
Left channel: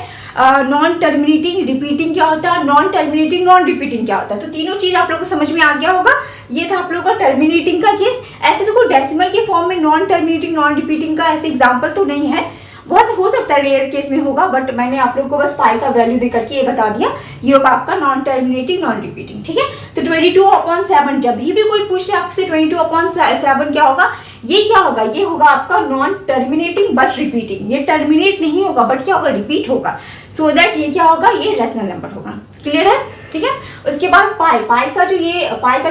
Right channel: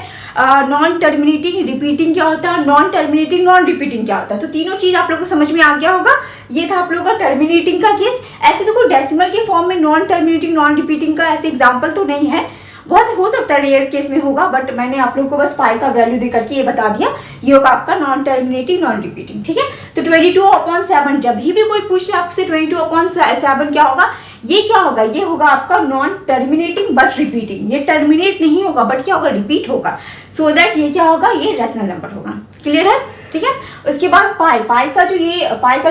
नॉन टर्मिनेटिंग रिपीटिंग क्या होता है, नॉन टर्मिनेटिंग नॉन रिपीटिंग क्या होता है। तो तीनों चीज आप लोग को समझ में आ गया होगा। ये था आप लोगों का टर्मिनेटिंग का केस। ऐसे देखो डेसिमल के फॉर्म में नॉन टर्मिनेटिंग नॉन रिपीटिंग का ऐसे एग्जाम्पल तो नहीं है, बहुत हो सकता है रेयर केस में होगा, बट मैंने आप लोगों को बस पाई का वैल्यू दे करके ये बता दिया। ये होगा आपका नॉन टर्मिनेटिंग नॉन रिपीटिंग, ठीक है। तो 22/7 जब भी कोई पूछे आपसे 22/7 क्या होगा, ये क्या होगा, ये होगा आपका नॉन टर्मिनेटिंग बट रिपीटिंग। ये टर्मिनेट नहीं होगा बट क्या होगा, रिपीट होगा। सो दैट ये क्या होगा, ये रेशनल नंबर होगा। क्लियर है, ठीक है। उसके बाद पाई का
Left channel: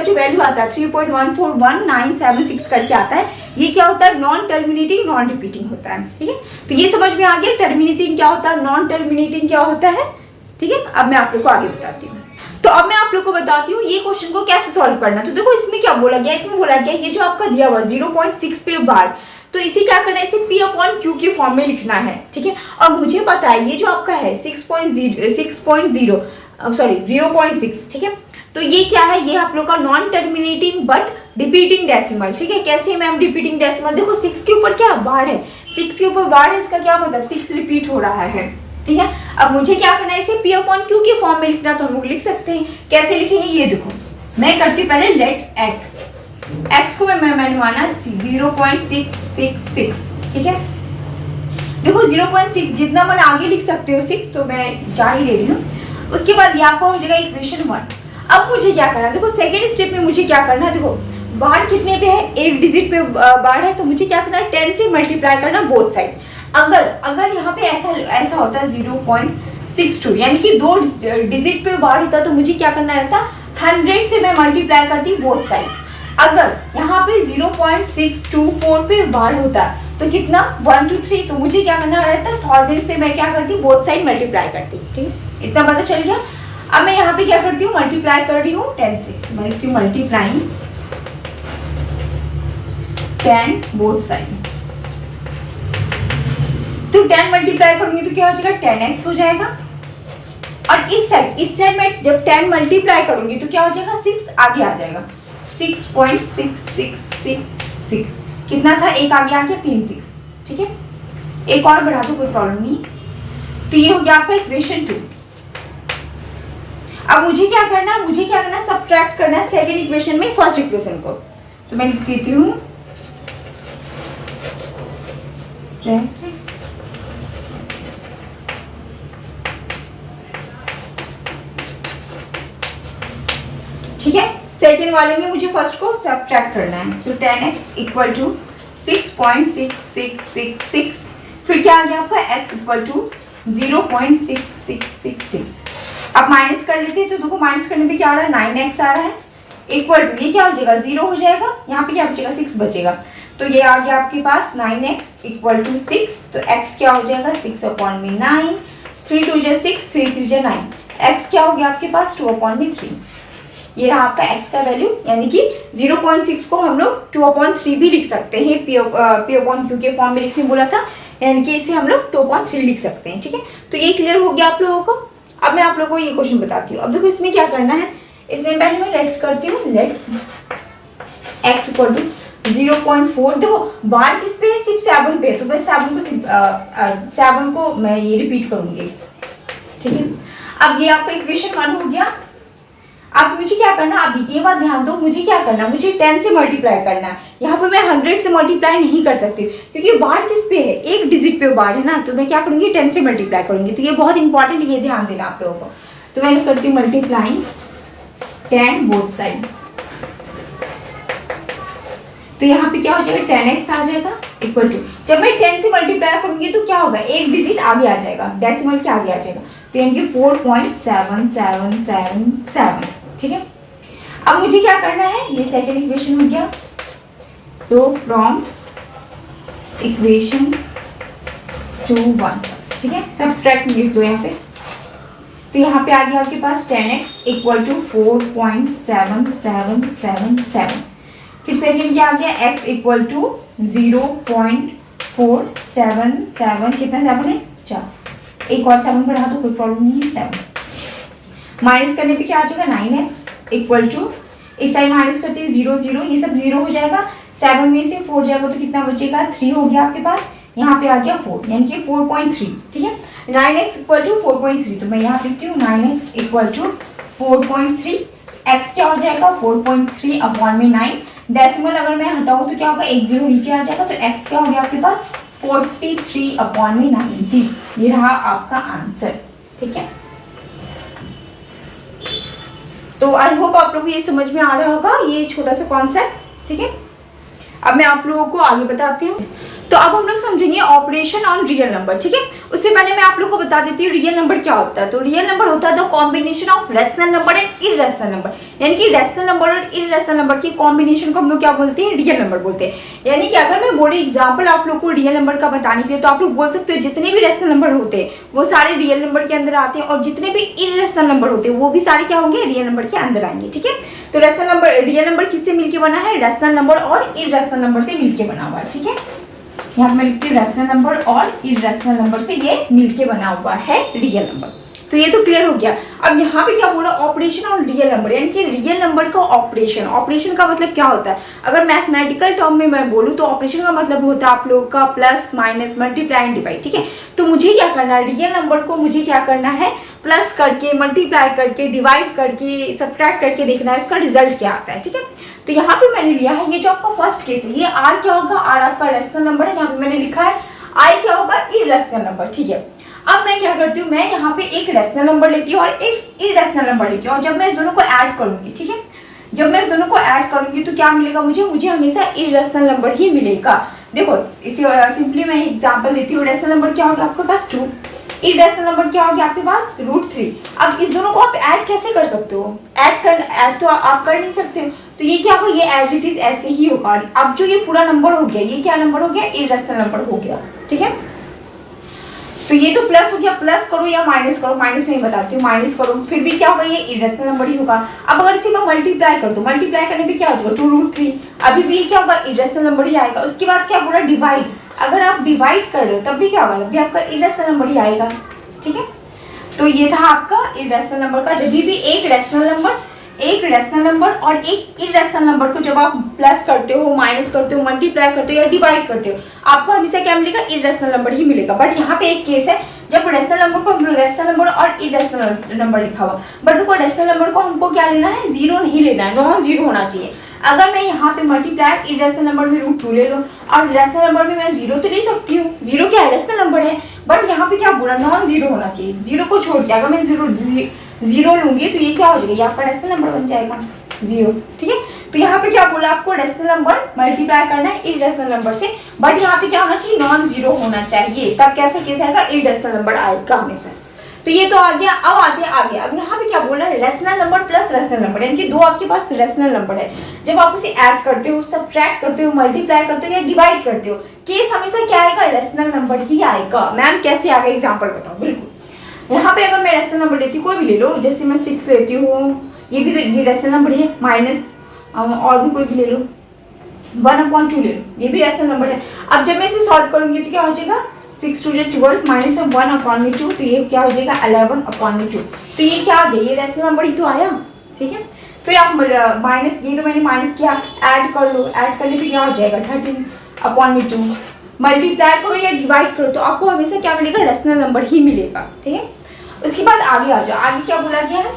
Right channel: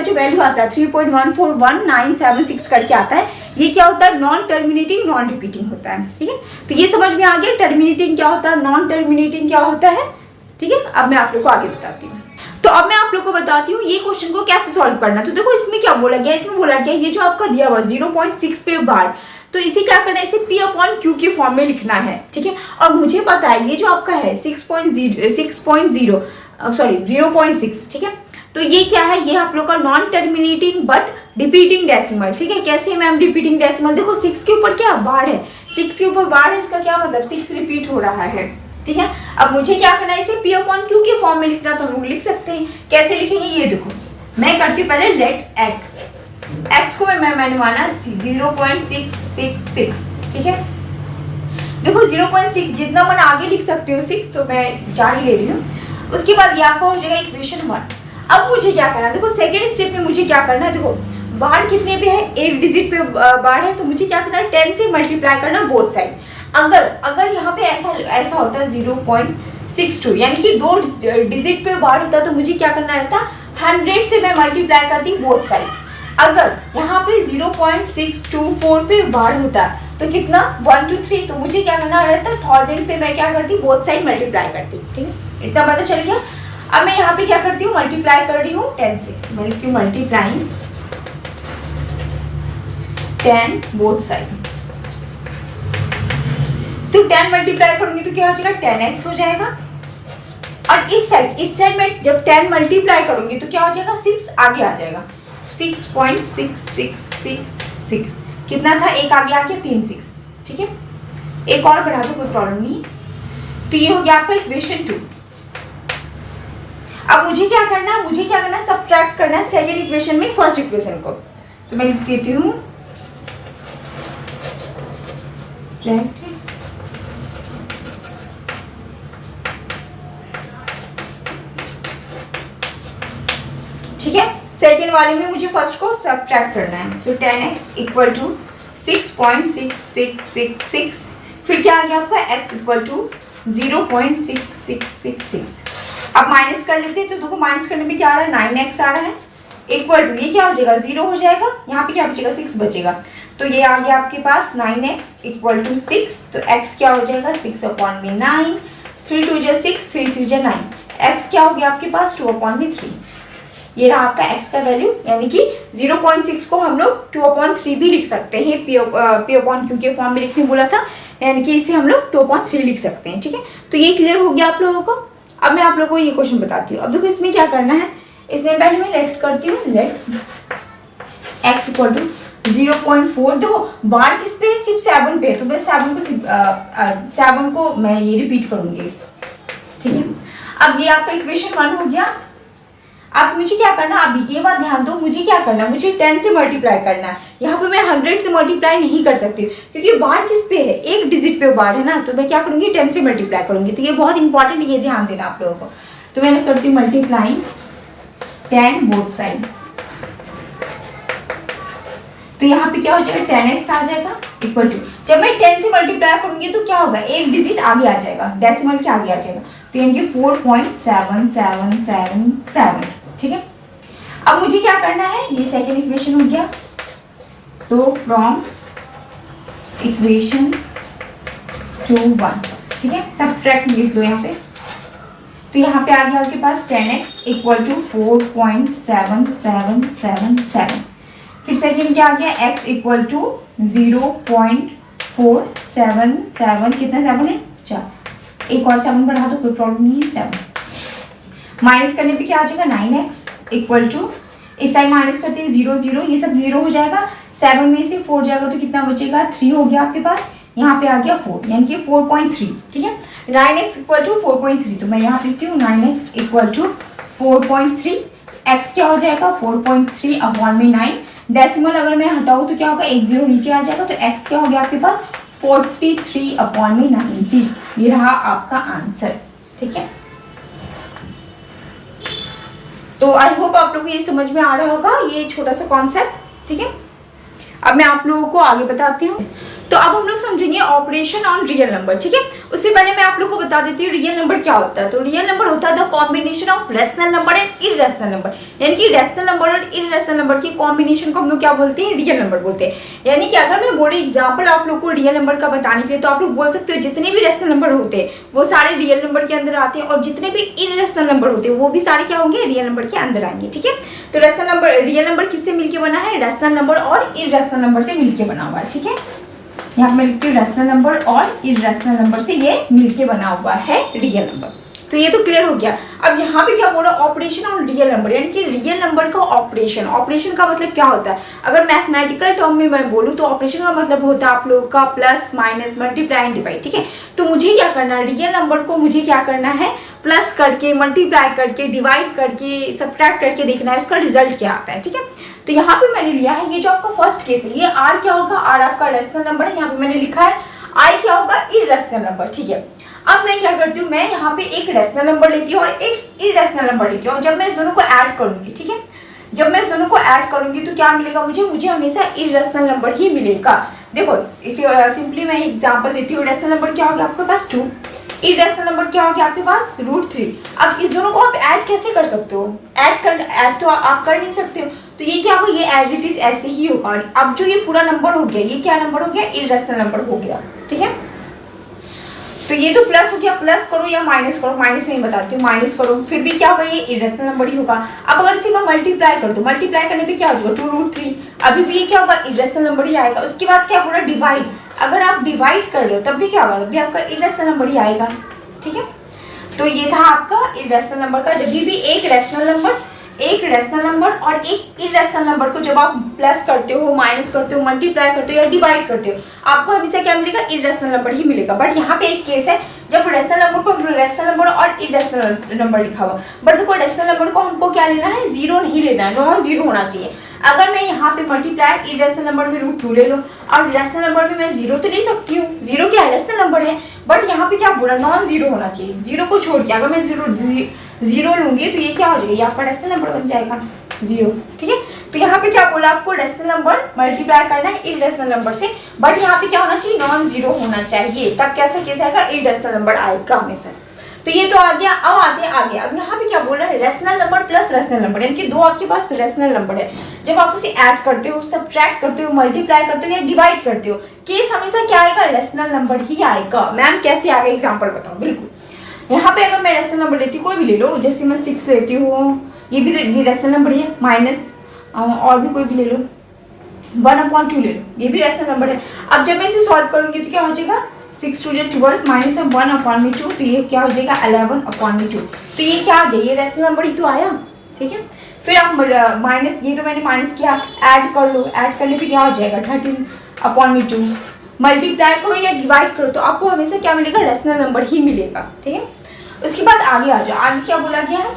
जो वैल्यू आता है 3.141976 करके आता है, ये क्या होता है, नॉन टर्मिनेटिंग नॉन रिपीटिंग होता है, ठीक है। तो ये समझ में आ गया टर्मिनेटिंग क्या होता है, नॉन टर्मिनेटिंग क्या होता है, ठीक है। अब मैं आप लोग को आगे बताती हूँ। तो अब मैं आप लोग को बताती हूँ ये क्वेश्चन को कैसे सॉल्व करना। तो देखो इसमें क्या बोला गया, इसमें बोला गया ये जो आपका दिया हुआ 0.6 पे बार, तो इसे क्या करना है, इसे P/Q के फॉर्म में लिखना है, ठीक है। और मुझे पता है ये जो आपका है 0.6, ठीक है। तो ये क्या है, ये आप लोग का non terminating but repeating decimal, ठीक है। कैसे मैम रिपीटिंग डेसिमल, देखो 6 के ऊपर क्या बार है, 6 के ऊपर बार है, इसका क्या मतलब 6 रिपीट हो रहा है, ठीक है। अब मुझे क्या करना है, इसे P/Q के फॉर्म में लिखना, तो हम लोग लिख सकते हैं। कैसे लिखेंगे, ये देखो मैं करती हूँ पहले लेट x को मैंने माना 0.666, ठीक है। देखो 0.6 जितना मैंने आगे लिख सकते हो 6, तो मैं जारी ले रही हूँ। उसके बाद ये आपका हो जाएगा इक्वेशन 1। अब मुझे क्या करना है, देखो सेकेंड स्टेप में मुझे क्या करना है, देखो बार कितने पे है, एक डिजिट पे बार है, तो मुझे क्या करना है 10 से मल्टीप्लाई करना बोथ साइड। अगर यहाँ पे ऐसा होता है 0.62 यानी कि 2 डिजिट पे बार होता, तो मुझे क्या करना रहता 100 से मैं मल्टीप्लाई करती बोथ साइड। अगर यहाँ पे 0.624 पे बार होता तो कितना 1 2 3, तो मुझे क्या करना रहता है 1000 से मैं क्या करती बोथ साइड मल्टीप्लाई करती, ठीक है। इतना पता चल गया। अब मैं यहाँ पे क्या करती हूँ, मल्टीप्लाई कर रही हूँ 10 से, मैं लिखती हूँ मल्टीप्लाइंग 10 बोथ साइड। तो 10 मल्टीप्लाई करूंगी तो क्या हो जाएगा 10x हो जाएगा। और इस साइड में जब 10 मल्टीप्लाई करूंगी तो क्या हो जाएगा 6 आगे आ जाएगा, 6.6666 कितना था, एक आगे आ गया 3 6, ठीक है। एक और बढ़ा दो कोई प्रॉब्लम नहीं। तो ये हो गया आपका इक्वेशन 2। अब मुझे क्या करना है, सबट्रैक्ट करना है सेकेंड इक्वेशन में फर्स्ट इक्वेशन को। तो मैं लिख देती हूँ ठीक है। सेकेंड वाले में मुझे फर्स्ट को सबट्रैक्ट करना है, तो 10x इक्वल टू 6.6666, फिर क्या आ गया आपका x इक्वल टू 0.6666। अब माइनस कर लेते हैं, तो देखो माइनस करने में क्या आ रहा है 9x आ रहा है, इक्वल टू ये क्या हो जाएगा 0 हो जाएगा, यहाँ पे क्या बचेगा 6 बचेगा। तो ये आ गया आपके पास 9x इक्वल टू 6, तो x क्या हो जाएगा 6/9, 3 2 जा 6, 3 3 जा 9, x क्या हो गया आपके पास 2/3। ये रहा आपका x का वैल्यू, यानी कि 0.6 को हम लोग 2/3 भी लिख सकते हैं, P/Q के फॉर्म में लिखने बोला था, यानी कि इसे हम लोग 2/3 लिख सकते हैं, ठीक है। तो ये क्लियर हो गया आप लोगों को। अब मैं आप लोगों को ये क्वेश्चन बताती हूँ। अब देखो इसमें क्या करना है, इसमें पहले मैं लेट करती हूँ, लेट x इक्वल टू 0.4। देखो बार किस पे है, सिर्फ 7 पे है, तो मैं 7 को मैं ये रिपीट करूंगी, ठीक है। अब ये आपका इक्वेशन 1 हो गया। अब मुझे क्या करना, अब ये बात ध्यान दो, मुझे क्या करना, मुझे 10 से मल्टीप्लाई करना है। यहाँ पे मैं 100 से मल्टीप्लाई नहीं कर सकती, क्योंकि बार किस पे है, एक डिजिट पे बार है ना, तो मैं क्या करूंगी 10 से मल्टीप्लाई करूंगी। तो ये बहुत इंपॉर्टेंट, ये ध्यान देना आप लोगों को। तो मैं करती हूँ मल्टीप्लाइंग 10 बोथ साइड, तो यहाँ पे क्या हो जाएगा 10x आ जाएगा इक्वल टू, जब मैं 10 से मल्टीप्लाई करूंगी तो क्या होगा, एक डिजिट आगे आ जाएगा, डेसिमल के आगे आ जाएगा, तो यानी कि 4.7777, ठीक है। अब मुझे क्या करना है, ये सेकेंड इक्वेशन हो गया, तो फ्रॉम इक्वेशन 2 1, ठीक है, सबट्रैक्ट लिख दो यहाँ पे। तो यहाँ पे आ गया आपके पास 10x इक्वल टू 4.7777, फिर सेकेंड क्या आ गया x इक्वल टू 0.477, कितना 7 है 4, एक और 7 बढ़ा दो, कोई प्रॉब्लम नहीं है। 7 माइनस करने पे क्या आ जाएगा 9x इक्वल टू, इस साइड माइनस करते हैं 0 0, ये सब 0 हो जाएगा। 7 में से 4 जाएगा तो कितना बचेगा 3 हो गया आपके पास, यहाँ पे आ गया 4 यानी कि 4.3। ठीक है, 9x इक्वल टू 4.3, तो मैं यहाँ पे लिखती हूँ 9x इक्वल टू 4.3। x क्या हो जाएगा 4.3 अपॉन में 9, डेसिमल अगर मैं हटाऊँ तो क्या होगा 1 0 नीचे आ जाएगा, तो x क्या हो गया आपके पास 43 अपॉन में 90। ये रहा आपका आंसर। ठीक है, तो आई होप आप लोग को ये समझ में आ रहा होगा ये छोटा सा कॉन्सेप्ट। ठीक है, अब मैं आप लोगों को आगे बताती हूँ। तो अब हम लोग समझेंगे ऑपरेशन ऑन रियल नंबर। ठीक है, उससे पहले मैं आप लोग को बता देती हूँ रियल नंबर क्या होता है। तो रियल नंबर होता है the combination of rational number and irrational number, यानी कि रेशनल नंबर और इरेशनल नंबर की कॉम्बिनेशन को हम लोग क्या बोलते हैं, रियल नंबर बोलते हैं। यानी कि अगर मैं बोले एग्जाम्पल आप लोग को रियल नंबर का बताने के लिए, तो आप लोग बोल सकते हो जितने भी रेशनल नंबर होते हैं वो सारे रियल नंबर के अंदर आते हैं, और जितने भी इरेशनल नंबर होते हैं वो भी सारे क्या होंगे, रियल नंबर के अंदर आएंगे। ठीक है, तो रेशनल नंबर, रियल नंबर किससे मिलके बना है, रेशनल नंबर और इरेशनल नंबर से मिलके बना हुआ है। ठीक है, यहाँ पे मैं लिखती हूँ रेशनल नंबर और इरेशनल नंबर से ये मिलके बना हुआ है रियल नंबर। तो ये तो क्लियर हो गया। अब यहाँ पे क्या बोला, ऑपरेशन ऑन रियल नंबर, यानी कि रियल नंबर का ऑपरेशन। ऑपरेशन का मतलब क्या होता है, अगर मैथमेटिकल टर्म में मैं बोलूँ तो ऑपरेशन का मतलब होता है आप लोगों का plus minus multiply and divide. ठीक है, तो मुझे क्या करना है, रियल नंबर को मुझे क्या करना है, प्लस करके मल्टीप्लाई करके डिवाइड करके सब्ट्रैक्ट करके देखना है उसका रिजल्ट क्या आता है। ठीक है, तो यहाँ पे मैंने लिया है ये जो आपका फर्स्ट केस है, ये आर क्या होगा, आर आपका रेशनल नंबर है, यहाँ पे मैंने लिखा है आई क्या होगा, इरेशनल नंबर। ठीक है, अब मैं क्या करती हूँ, मैं यहाँ पे एक रेशनल नंबर लेती हूँ और एक इरेशनल नंबर लेती हूँ, और जब मैं इस दोनों को ऐड करूंगी, ठीक है, जब मैं इस दोनों को ऐड करूंगी तो क्या मिलेगा मुझे हमेशा इरेशनल नंबर ही मिलेगा। देखो इसे सिंपली मैं एग्जांपल देती हूँ, रेशनल नंबर क्या होगा आपके पास 2, इरेशनल नंबर क्या होगा आपके पास √3। अब इस दोनों को आप ऐड कैसे कर सकते हो, ऐड तो आप कर नहीं सकते हो, तो ये क्या होगा, ये एज इट इज ऐसे ही होगा। अब जो ये पूरा नंबर हो गया, ये क्या नंबर हो गया, इरेशनल नंबर हो गया। ठीक है, तो ये तो प्लस हो गया, प्लस करो या माइनस करो, माइनस नहीं बताती हूँ, माइनस करो फिर भी क्या होगा, ये इरेशनल नंबर ही होगा। अब अगर इसे मैं मल्टीप्लाई कर दूँ, मल्टीप्लाई करने पे क्या हो जाएगा 2√3, अभी भी क्या होगा, इरेशनल नंबर ही आएगा। उसके बाद क्या बोला, डिवाइड, अगर आप डिवाइड कर रहे हो तब भी क्या होगा, तब भी आपका इरेशनल नंबर ही आएगा। ठीक है, तो ये था आपका इरेशनल नंबर का। जब भी एक रेशनल नंबर और एक इरेशनल नंबर को जब आप प्लस करते हो, माइनस करते हो, मल्टीप्लाई करते हो या डिवाइड करते हो, आपको हमेशा क्या मिलेगा, इरेशनल नंबर ही मिलेगा। बट यहाँ पे एक केस है जब रेशनल नंबर को रेशनल नंबर और इरेशनल नंबर लिखा हुआ, बट देखो रेशनल नंबर को हमको क्या लेना है, 0 नहीं लेना है, नॉन 0 होना चाहिए। अगर मैं यहाँ पे मल्टीप्लाई इरेशनल नंबर में √2 ले लूँ और रेशनल नंबर में मैं 0 तो ले सकती हूँ, 0 क्या रेशनल नंबर है, बट यहाँ पे क्या बोला, नॉन 0 होना चाहिए। 0 को छोड़ के अगर मैं 0 लूंगी तो ये क्या हो जाएगा, ये आपका रेशनल नंबर बन जाएगा 0। ठीक है, तो यहाँ पे क्या बोला, आपको रेशनल नंबर मल्टीप्लाई करना है इरेशनल नंबर से, बट यहाँ पे क्या होना चाहिए, नॉन 0 होना चाहिए, तब कैसा केस आएगा, इरेशनल नंबर आएगा हमेशा। तो ये तो आ गया। अब आते हैं आगे, अब यहाँ पे क्या बोल रहा है, rational number plus rational number, यानी कि दो आपके पास रेशनल नंबर है, जब आप उसे ऐड करते हो, सब्ट्रैक्ट करते हो, मल्टीप्लाई करते हो या डिवाइड करते हो, केस हमेशा क्या आएगा, रेशनल नंबर ही आएगा। मैम कैसे आएगा, एग्जाम्पल बताओ। बिल्कुल, यहाँ पे अगर मैं रेशनल नंबर लेती हूँ, कोई भी ले लो, जैसे मैं 6 लेती हूँ, ये भी रेशनल नंबर है, माइनस और भी कोई भी ले लो, 1/2 ले लो, ये भी रेशनल नंबर है। अब जब मैं इसे सॉल्व करूंगी तो क्या हो जाएगा, 6 2 12 माइनस 1/2, तो ये क्या हो जाएगा 11/2। तो ये क्या आ गया, ये रेशनल नंबर ही तो आया। ठीक है, फिर आप माइनस, ये तो मैंने माइनस किया, ऐड कर लो, ऐड करने पे क्या हो जाएगा 13/2, मल्टीप्लाई करो या डिवाइड करो तो आपको हमेशा क्या मिलेगा, रेशनल नंबर ही मिलेगा। ठीक है, उसके बाद आगे आ जाओ, आगे क्या बोला गया है,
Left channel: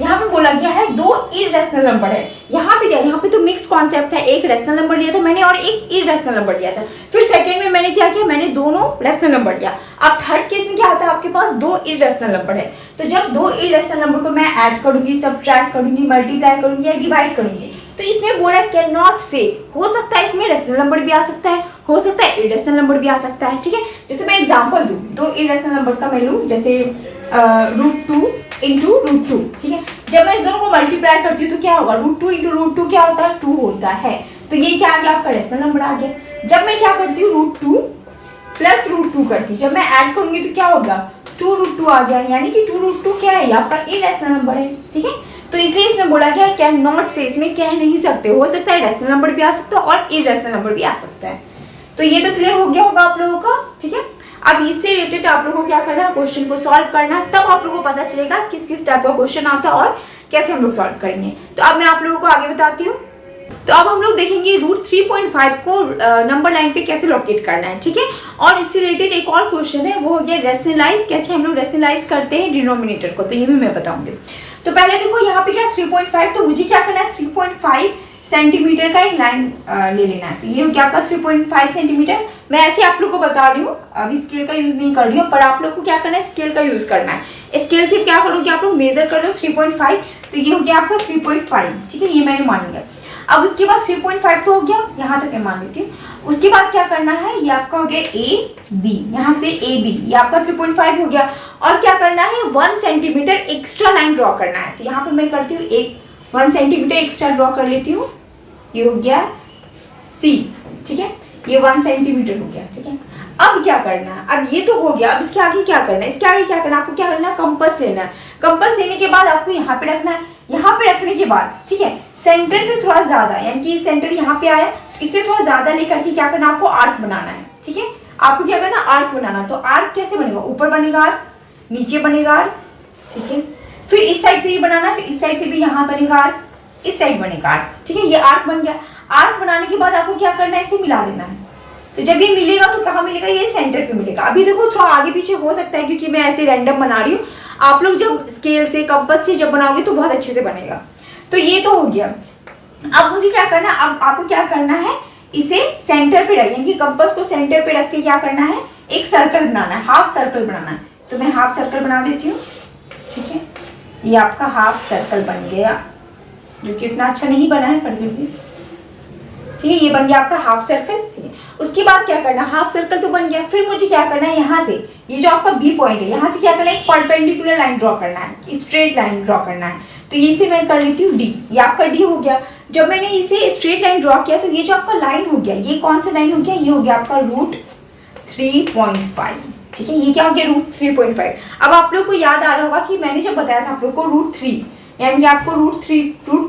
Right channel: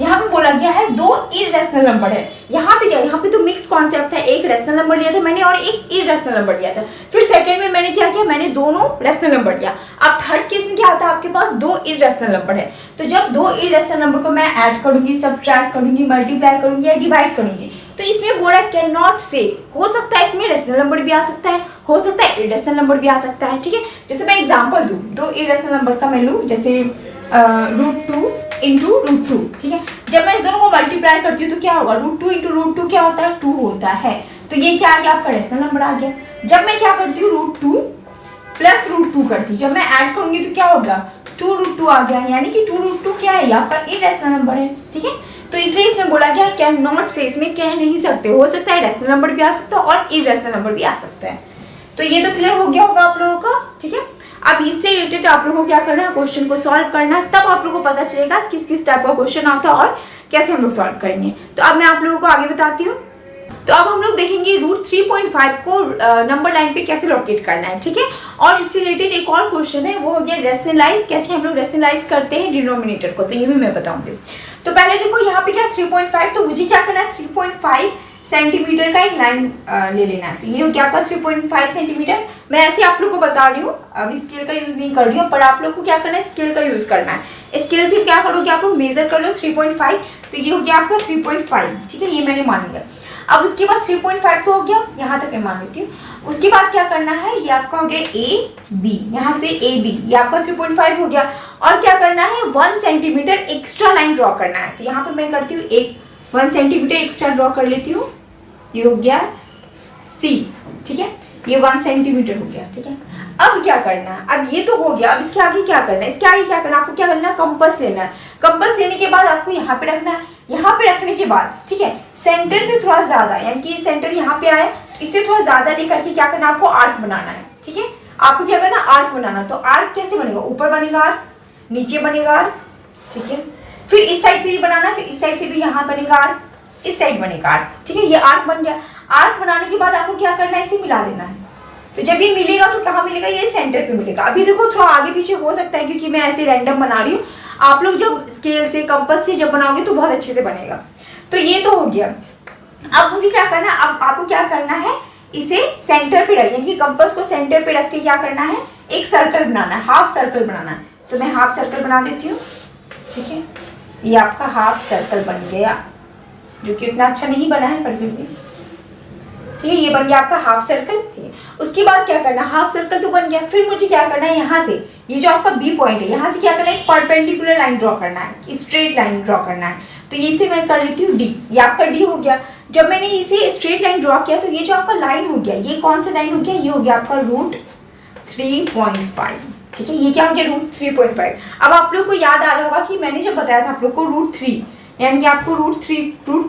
यहाँ पे बोला गया है 2 इरेशनल नंबर है। यहाँ पे क्या, यहाँ पे तो मिक्स कॉन्सेप्ट था, एक रेशनल नंबर लिया था मैंने और एक इरेशनल नंबर लिया था। फिर सेकंड में मैंने क्या किया, मैंने दोनों रेशनल नंबर लिया। अब थर्ड केस में क्या आता है, आपके पास 2 इरेशनल नंबर है, तो जब 2 इरेशनल नंबर को मैं ऐड करूंगी, सब्ट्रैक्ट करूंगी, मल्टीप्लाई करूंगी या डिवाइड करूंगी, तो इसमें बोला कैन नॉट से, हो सकता है इसमें रेशनल नंबर भी आ सकता है, हो सकता है इरेशनल नंबर भी आ सकता है। ठीक है, जैसे मैं एग्जांपल दूं, 2 इरेशनल नंबर का मैं लूं, जैसे √2 इंटू √2। ठीक है, जब मैं इस दोनों को मल्टीप्लाई करती हूँ तो क्या होगा, √2 इंटू √2 क्या होता है, 2 होता है। तो ये क्या आ गया, आपका रेशनल नंबर आ गया। जब मैं क्या करती हूँ, √2 प्लस √2 करती, जब मैं ऐड करूंगी तो क्या होगा, 2√2 आ गया, यानी कि 2√2 क्या है, ये आपका इरेशनल नंबर है। ठीक है, तो इसलिए इसमें बोला गया कैन नॉट से, इसमें कह नहीं सकते, हो सकता है रेशनल नंबर भी आ सकता है और इरेशनल नंबर भी आ सकता है। तो ये तो क्लियर हो गया होगा आप लोगों का। ठीक है, अब इससे रिलेटेड आप लोगों को क्या करना है, क्वेश्चन को सॉल्व करना है, तब आप लोगों को पता चलेगा किस किस टाइप का क्वेश्चन आता है और कैसे हम लोग सॉल्व करेंगे। तो अब मैं आप लोगों को आगे बताती हूँ। तो अब हम लोग देखेंगे रूट 3.5 को नंबर लाइन पे कैसे लोकेट करना है, ठीक है। और इससे रिलेटेड एक और क्वेश्चन है, वो हो गया रेशनलाइज, कैसे हम लोग रेशनलाइज करते हैं डिनोमिनेटर को, तो ये भी मैं बताऊंगी। तो पहले देखो यहाँ पे क्या 3.5, तो मुझे क्या करना है 3.5 सेंटीमीटर का एक लाइन ले लेना है। तो ये हो गया आपका 3.5 सेंटीमीटर। मैं ऐसे आप लोग को बता रही हूँ, अभी स्केल का यूज नहीं कर रही हूँ, पर आप लोग को क्या करना है स्केल का यूज करना है। स्केल से क्या करोगे आप लोग मेजर कर लो 3.5, तो ये हो गया आपका 3.5, ठीक है, ये मैंने मान लिया। अब उसके बाद 3.5 तो हो गया, यहाँ तक मैं मान लेती हूँ। उसके बाद क्या करना है, ये आपका हो गया ए बी, यहाँ से ए बी, ये आपका 3.5 हो गया। और क्या करना है 1 सेंटीमीटर एक्स्ट्रा लाइन ड्रॉ करना है। तो यहाँ पे मैं करती हूँ 1 सेंटीमीटर एक्स्ट्रा ड्रॉ कर लेती हूँ, ये हो गया सी, ठीक है, ये 1 सेंटीमीटर हो गया, ठीक है। अब क्या करना है, अब ये तो हो गया, अब इसके आगे क्या करना है, इसके आगे क्या करना है, आपको क्या करना है कंपास लेना है। कंपास लेने के बाद आपको यहाँ पे रखना है, यहाँ पे रखने के बाद, ठीक है, सेंटर से थोड़ा ज्यादा, यानी कि सेंटर यहाँ पे आया, इससे थोड़ा ज्यादा लेकर के क्या करना है, आपको आर्क बनाना है, ठीक है। आपको क्या करना है आर्क बनाना। तो आर्क कैसे बनेगा, ऊपर बनेगा आर्क, नीचे बनेगा आर्क, ठीक है। फिर इस साइड से भी बनाना है, तो इस साइड से भी यहाँ बनेगा आर्क, इस साइड बनेगा आर्क, ठीक है। ये आर्क बन गया। आर्क बनाने के बाद आपको क्या करना है, इसे मिला देना है। तो जब ये मिलेगा तो कहाँ मिलेगा, ये सेंटर पे मिलेगा। अभी देखो थोड़ा आगे पीछे हो सकता है क्योंकि मैं ऐसे रैंडम बना रही हूँ, आप लोग जब स्केल से कंपास से जब बनाओगे तो बहुत अच्छे से बनेगा। तो ये तो हो गया। अब मुझे क्या करना है, अब आपको क्या करना है, इसे सेंटर पे रख, यानी कि कंपास को सेंटर पे रख के क्या करना है, एक सर्कल बनाना है, हाफ सर्कल बनाना है। तो मैं हाफ सर्कल बना देती हूँ, ठीक है। ये आपका हाफ सर्कल बन गया, जो कि इतना अच्छा नहीं बना है पर फिर भी ठीक है, ये बन गया आपका हाफ सर्कल, ठीक है। उसके बाद क्या करना, हाफ सर्कल तो बन गया, फिर मुझे क्या करना है, यहाँ से ये जो आपका बी पॉइंट है, यहाँ से क्या करना है, एक परपेंडिकुलर लाइन ड्रॉ करना है, स्ट्रेट लाइन ड्रॉ करना है। तो ये से मैं कर लेती हूँ डी, ये आपका डी हो गया। जब मैंने इसे स्ट्रेट लाइन ड्रॉ किया तो ये जो आपका लाइन हो गया, ये कौन सा लाइन हो गया, ये हो गया आपका रूट 3.5, ठीक है। ये क्या हो गया, रूट 3.5। अब आप लोग को याद आ रहा होगा कि मैंने जब बताया था आप लोग को रूट 3, यानी कि आपको रूट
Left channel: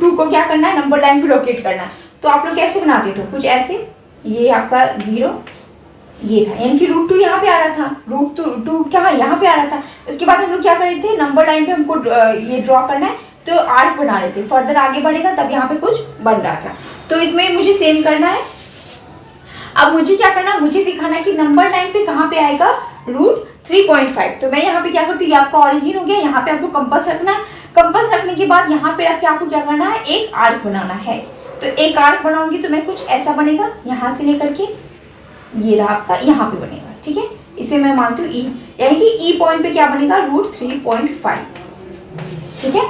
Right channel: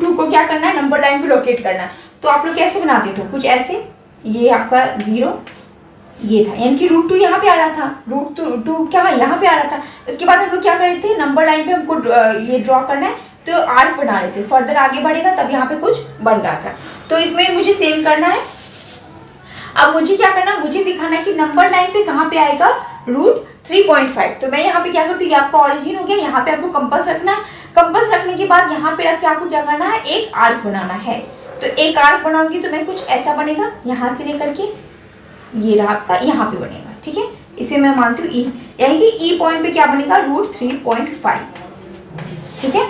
2 को क्या करना है, नंबर लाइन पे लोकेट करना है। तो आप लोग कैसे बनाते थे, कुछ ऐसे, ये आपका 0 ये था, यानी कि रूट 2 यहाँ पे आ रहा था, रूट 2 क्या यहाँ पे आ रहा था। उसके बाद हम लोग क्या कर रहे थे, नंबर लाइन पे हमको ये ड्रॉ करना है, तो आर्क बना रहे थे, फर्दर आगे बढ़ेगा तब यहाँ पे कुछ बन रहा था। तो इसमें मुझे सेम करना है। अब मुझे क्या करना है, मुझे दिखाना है कि नंबर लाइन पे कहाँ पे आएगा रूट 3.5। तो मैं यहाँ पे क्या करती हूँ, ये आपका ऑरिजिन हो गया, यहाँ पे आपको कंपास रखना है। कंपास रखने के बाद यहाँ पे रख के आपको क्या करना है, एक आर्क बनाना है। तो एक आर्क बनाऊंगी तो मैं कुछ ऐसा बनेगा, यहाँ से लेकर के ये रहा आपका यहाँ पे बनेगा, ठीक है। इसे मैं मानती हूँ ई, यानी कि ई पॉइंट पे क्या बनेगा, रूट 3.5, ठीक है।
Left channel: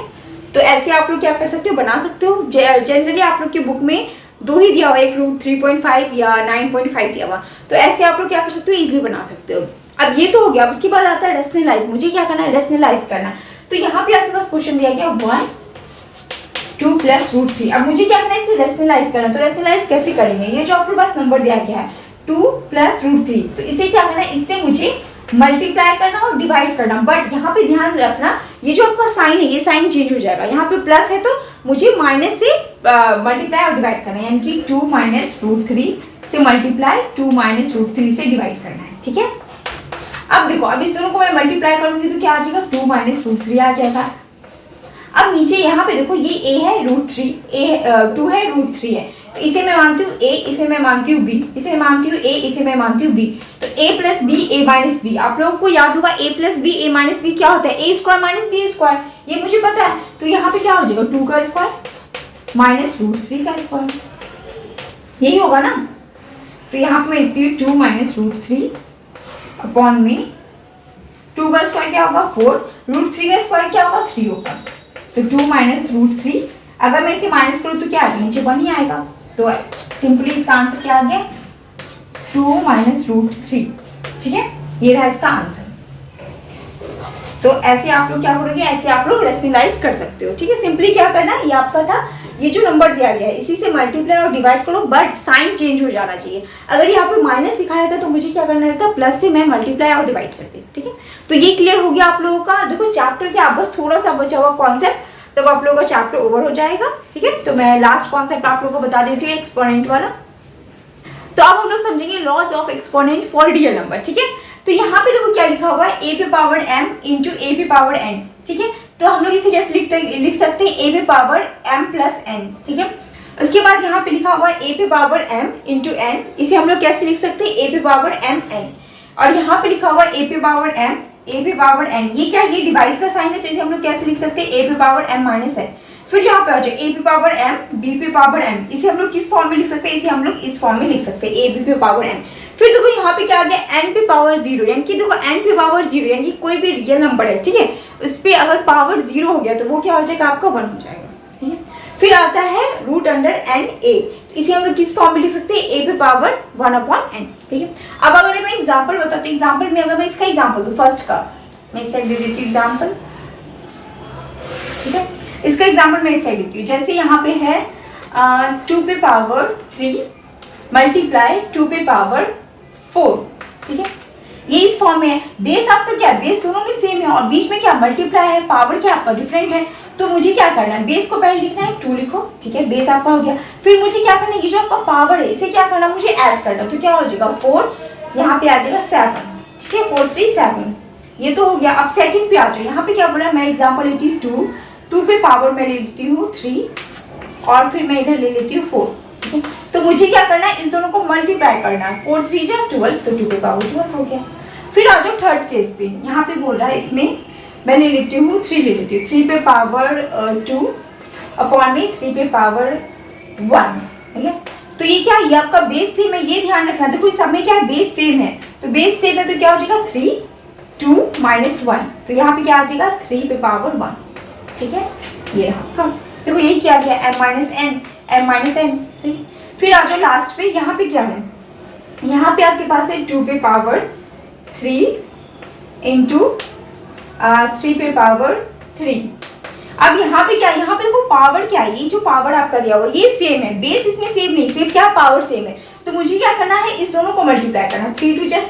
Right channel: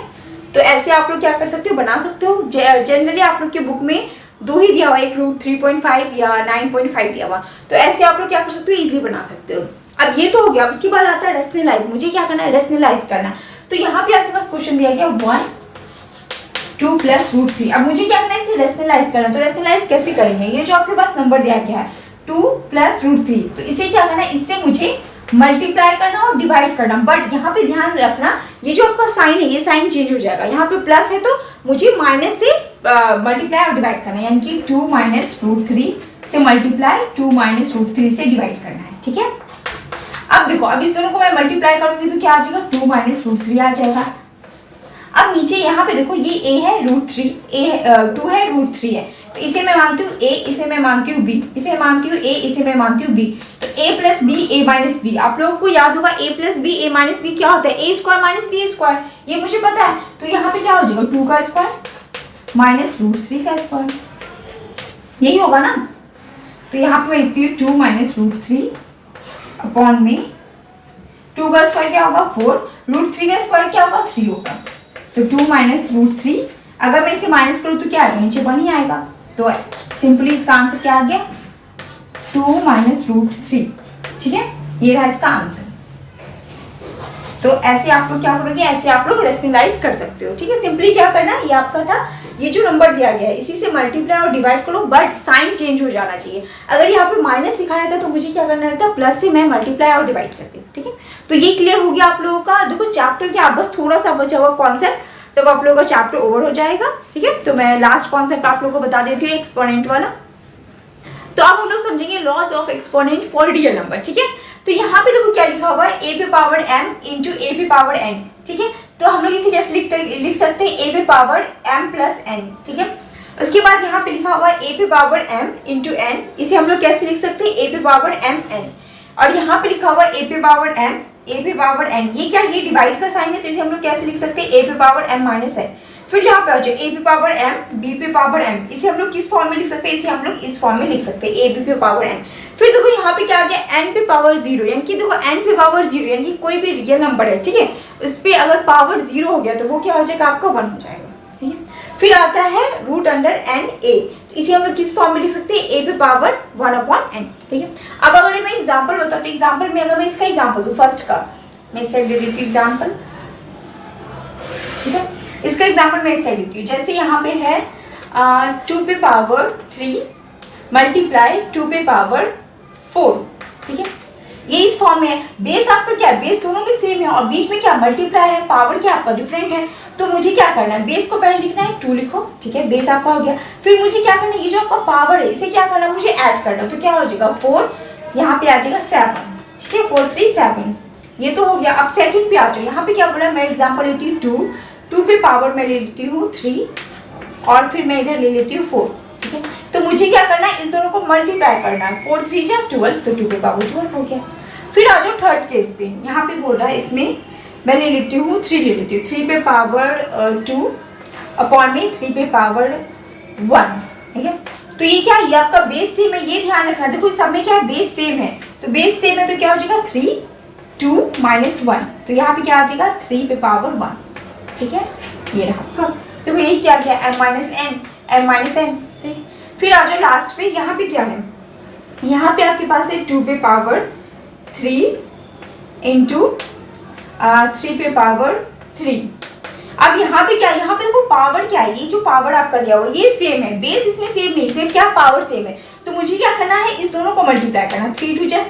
तो ऐसे आप लोग क्या कर सकते हो, बना सकते हो। जनरली आप लोग के बुक में 2 ही दिया हुआ, एक रूट 3.5 या 9.5 दिया हुआ, तो ऐसे आप लोग क्या कर सकते हो, इजीली बना सकते हो। अब ये तो हो गया। अब उसके बाद आता है रेशनलाइज। मुझे क्या करना है, रेशनलाइज करना। तो यहाँ पे आपके पास क्वेश्चन दिया गया 1 2 प्लस रूट 3। अब मुझे क्या करना है, इसे रेशनलाइज करना। तो रेशनलाइज कैसे करेंगे, ये जो आपके पास नंबर दिया गया है 2 प्लस रूट 3, तो इसे क्या करना है, इससे मुझे मल्टीप्लाई करना और डिवाइड करना। बट यहाँ पे ध्यान रखना, ये जो आपका साइन है, ये साइन चेंज हो जाएगा। यहाँ पे प्लस है तो मुझे माइनस से मल्टीप्लाई और डिवाइड करना है, यानी कि 2 माइनस रूट 3 से मल्टीप्लाई 2 माइनस रूट 3 से डिवाइड करना है, ठीक है। अब देखो, अब इस दोनों को मैं मल्टीप्लाई करूंगी तो क्या आ जाएगा, 2 माइनस रूट 3 आ जाएगा। अब नीचे यहाँ पे देखो, ये a है रूट 3, 2 है रूट 3 है, तो इसे मैं मानती हूँ a, इसे मैं मानती हूँ b, इसे मानती हूँ a, इसे मैं मानती हूँ b। तो a plus B A minus B, आप लोगों को याद होगा a plus B A minus B क्या होता है, a square minus B square, ये मुझे पता है। तो यहाँ पे क्या हो जाएगा, 2 का स्क्वायर माइनस रूट 3 का स्क्वायर, यही होगा ना। तो यहाँ पे मैं लिखती हूँ 2 माइनस रूट 3 अपॉन में 2 का स्क्वायर क्या होगा 4, रूट 3 का स्क्वायर क्या होगा 3 होगा। तो 2 माइनस रूट 3, अगर मैं इसे माइनस करूँ तो क्या आएगा, नीचे 1 ही आएगा। तो सिंपली इसका आंसर क्या आ गया, 2 माइनस रूट 3, ठीक है, ये रहा इसका आंसर। तो ऐसे आप लोग क्या करोगे, ऐसे आप लोग रेशनलाइज कर सकते हो, ठीक है। सिंपली क्या करना है, ये आपका था, ये जो नंबर दिया गया है इसी से मल्टीप्लाई और डिवाइड करो, बट साइन चेंज हो जाना चाहिए। अगर यहाँ पे माइनस लिखा रहता तो मुझे क्या करना रहता, प्लस से मैं मल्टीप्लाई और डिवाइड करती, ठीक है। तो ये क्लियर हो गया आप लोगों का। देखो चैप्टर के आप बस थोड़ा सा बचा हुआ कॉन्सेप्ट, तब आप लोगों का चैप्टर ओवर हो जाएगा, ठीक है। तो मैं लास्ट कॉन्सेप्ट आप लोगों को बता देती हूँ, एक्सपोनेंट वाला। तो अब हम लोग समझेंगे laws of exponent for real number, ठीक है। तो यहाँ पे देखो क्या लिखा हुआ है, ए पे पावर m इंटू ए पे पावर n, ठीक है। तो हम लोग इसे कैसे लिख सकते हैं, ए पे पावर m प्लस n, ठीक है। उसके बाद यहाँ पे लिखा हुआ है ए पे पावर m इंटू n, इसे हम लोग कैसे लिख सकते हैं, ए पे पावर m n। और यहाँ पे लिखा हुआ है ए पे पावर m, ए पे पावर n, ये क्या, ये डिवाइड का साइन है, तो इसे हम लोग कैसे लिख सकते हैं, ए पे पावर m माइनस n। फिर यहाँ पे आ जाए ए पे पावर m, b पे पावर m, इसे हम लोग किस फॉर्म में लिख सकते हैं, इसे हम लोग इस फॉर्म में लिख सकते हैं, ए बी पे पावर m। फिर देखो यहाँ पे क्या आ गया, n पे पावर 0, यानी कि देखो n पे पावर 0 यानी कि कोई भी रियल नंबर है, ठीक है, उस पर अगर पावर 0 हो गया तो वो क्या हो जाएगा, आपका 1 हो जाएगा, ठीक है। फिर आता है रूट अंडर n a, इसे हम लोग किस फॉर्म में लिख सकते हैं, a पे पावर 1/n, ठीक है। अब अगर मैं एग्जांपल बताऊँ तो एग्जांपल में अगर मैं इसका एग्जांपल दूँ, फर्स्ट का मैं इस साइड दे देती हूँ एग्जांपल, ठीक है। इसका एग्जांपल मैं इस साइड देती हूँ, जैसे यहाँ पे है 2 पे पावर 3 मल्टीप्लाई 2 पे पावर 4, ठीक है, ये इस फॉर्म में है। बेस आपका क्या है, बेस दोनों में सेम है और बीच में क्या मल्टीप्लाई है, पावर क्या आपका डिफरेंट है। तो मुझे क्या करना है, बेस को पहले लिखना है 2 लिखो, ठीक है, बेस आपका हो गया। फिर मुझे क्या करना है, ये जो आपका पावर है इसे क्या करना है, मुझे ऐड करना, तो क्या हो जाएगा 4, यहाँ पे आ जाएगा 7, ठीक है, 4 3 7, ये तो हो गया। अब सेकंड पे आ जाओ, यहाँ पे क्या बोला, मैं एग्जाम्पल लेती हूँ 2 पे पावर मैं ले लेती हूँ 3 और फिर मैं इधर ले लेती हूँ 4, ठीक है। तो मुझे क्या करना है, इस दोनों को मल्टीप्लाई करना है, 4 3 जा 12, तो 2 पे पावर 12 हो गया। फिर आ जाओ थर्ड केस पे, यहाँ पे बोल रहा है इसमें मैं ले लेती हूँ 3 ले लेती हूँ, 3 पे पावर 2 अपॉन में 3 पे पावर 1, ठीक है। तो ये क्या, ये आपका बेस सेम है, ये ध्यान रखना, देखो इस सब में क्या है, बेस सेम है, तो बेस सेम है तो क्या हो जाएगा 3 2 माइनस 1, तो यहाँ पे क्या आ जाएगा 3 पे पावर 1, ठीक है, ये रहा आपका। देखो यही क्या गया, m माइनस n, ठीक। फिर आ जाओ लास्ट पे, यहाँ पे क्या है, यहाँ पे आपके पास है 2 पे पावर 3 इंटू 3 पे पावर 3। अब यहाँ पे क्या, यहाँ पे देखो पावर क्या है, ये जो पावर आपका दिया हुआ ये सेम है, बेस इसमें सेम नहीं, सिर्फ क्या पावर सेम है। तो मुझे क्या करना है, इस दोनों को मल्टीप्लाई करना, 3 2 जा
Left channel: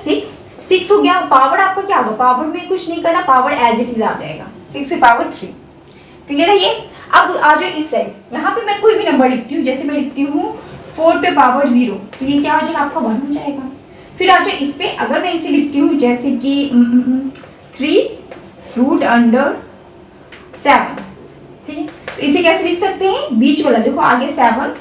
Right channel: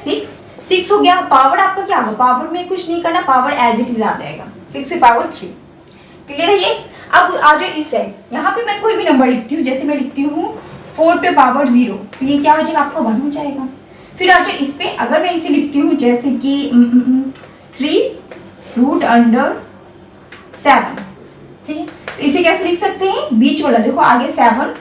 6 हो गया। पावर आपका क्या होगा, पावर में कुछ नहीं करना, पावर एज इट इज आ जाएगा, 6 से पावर 3, क्लियर है ये। अब आ जाओ इस साइड, यहाँ पे मैं कोई भी नंबर लिखती हूँ, जैसे मैं लिखती हूँ 4 पे पावर 0, तो ये क्या हो जाएगा, आपका 1 हो जाएगा। फिर आ जाओ इस पे, अगर मैं इसे लिखती हूँ जैसे कि 3 रूट अंडर 7, ठीक है, तो इसे कैसे लिख सकते हैं, बीच वाला देखो आगे 7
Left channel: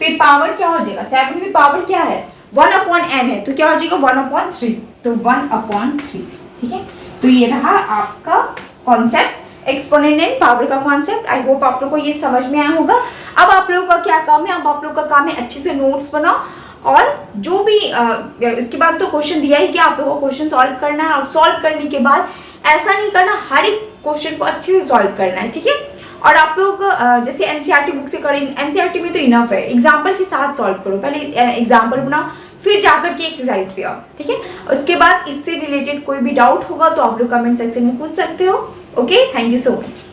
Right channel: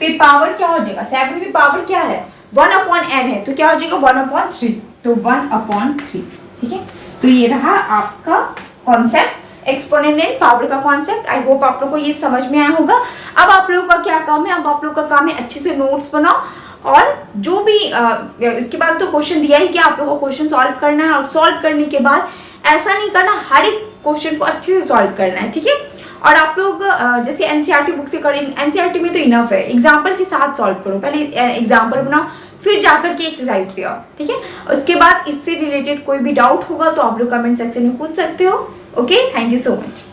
पे पावर क्या हो जाएगा, 7 पे पावर क्या है 1/n है, तो क्या हो जाएगा 1/3, तो 1/3, ठीक है। तो ये रहा आपका कॉन्सेप्ट, एक्सपोनेंट एंड पावर का कॉन्सेप्ट। आई होप आप लोग को ये समझ में आया होगा। अब आप लोगों का क्या काम है, अब आप लोगों का काम है अच्छे से नोट्स बनाओ और जो भी इसके बाद तो क्वेश्चन दिया ही कि आप लोगों को क्वेश्चन सॉल्व करना है, और सॉल्व करने के बाद ऐसा नहीं करना, हर एक क्वेश्चन को अच्छे से सॉल्व करना है, ठीक है। और आप लोग जैसे एनसीईआरटी बुक से करें, एनसीईआरटी में तो इनफ है, एग्जाम्पल के साथ सॉल्व करो, पहले एग्जाम्पल बनाओ फिर जाकर के एक्सरसाइज पे आओ, ठीक है। उसके बाद इससे रिलेटेड कोई भी डाउट होगा तो आप लोग कमेंट सेक्शन में पूछ सकते हो। Okay, thank you so much.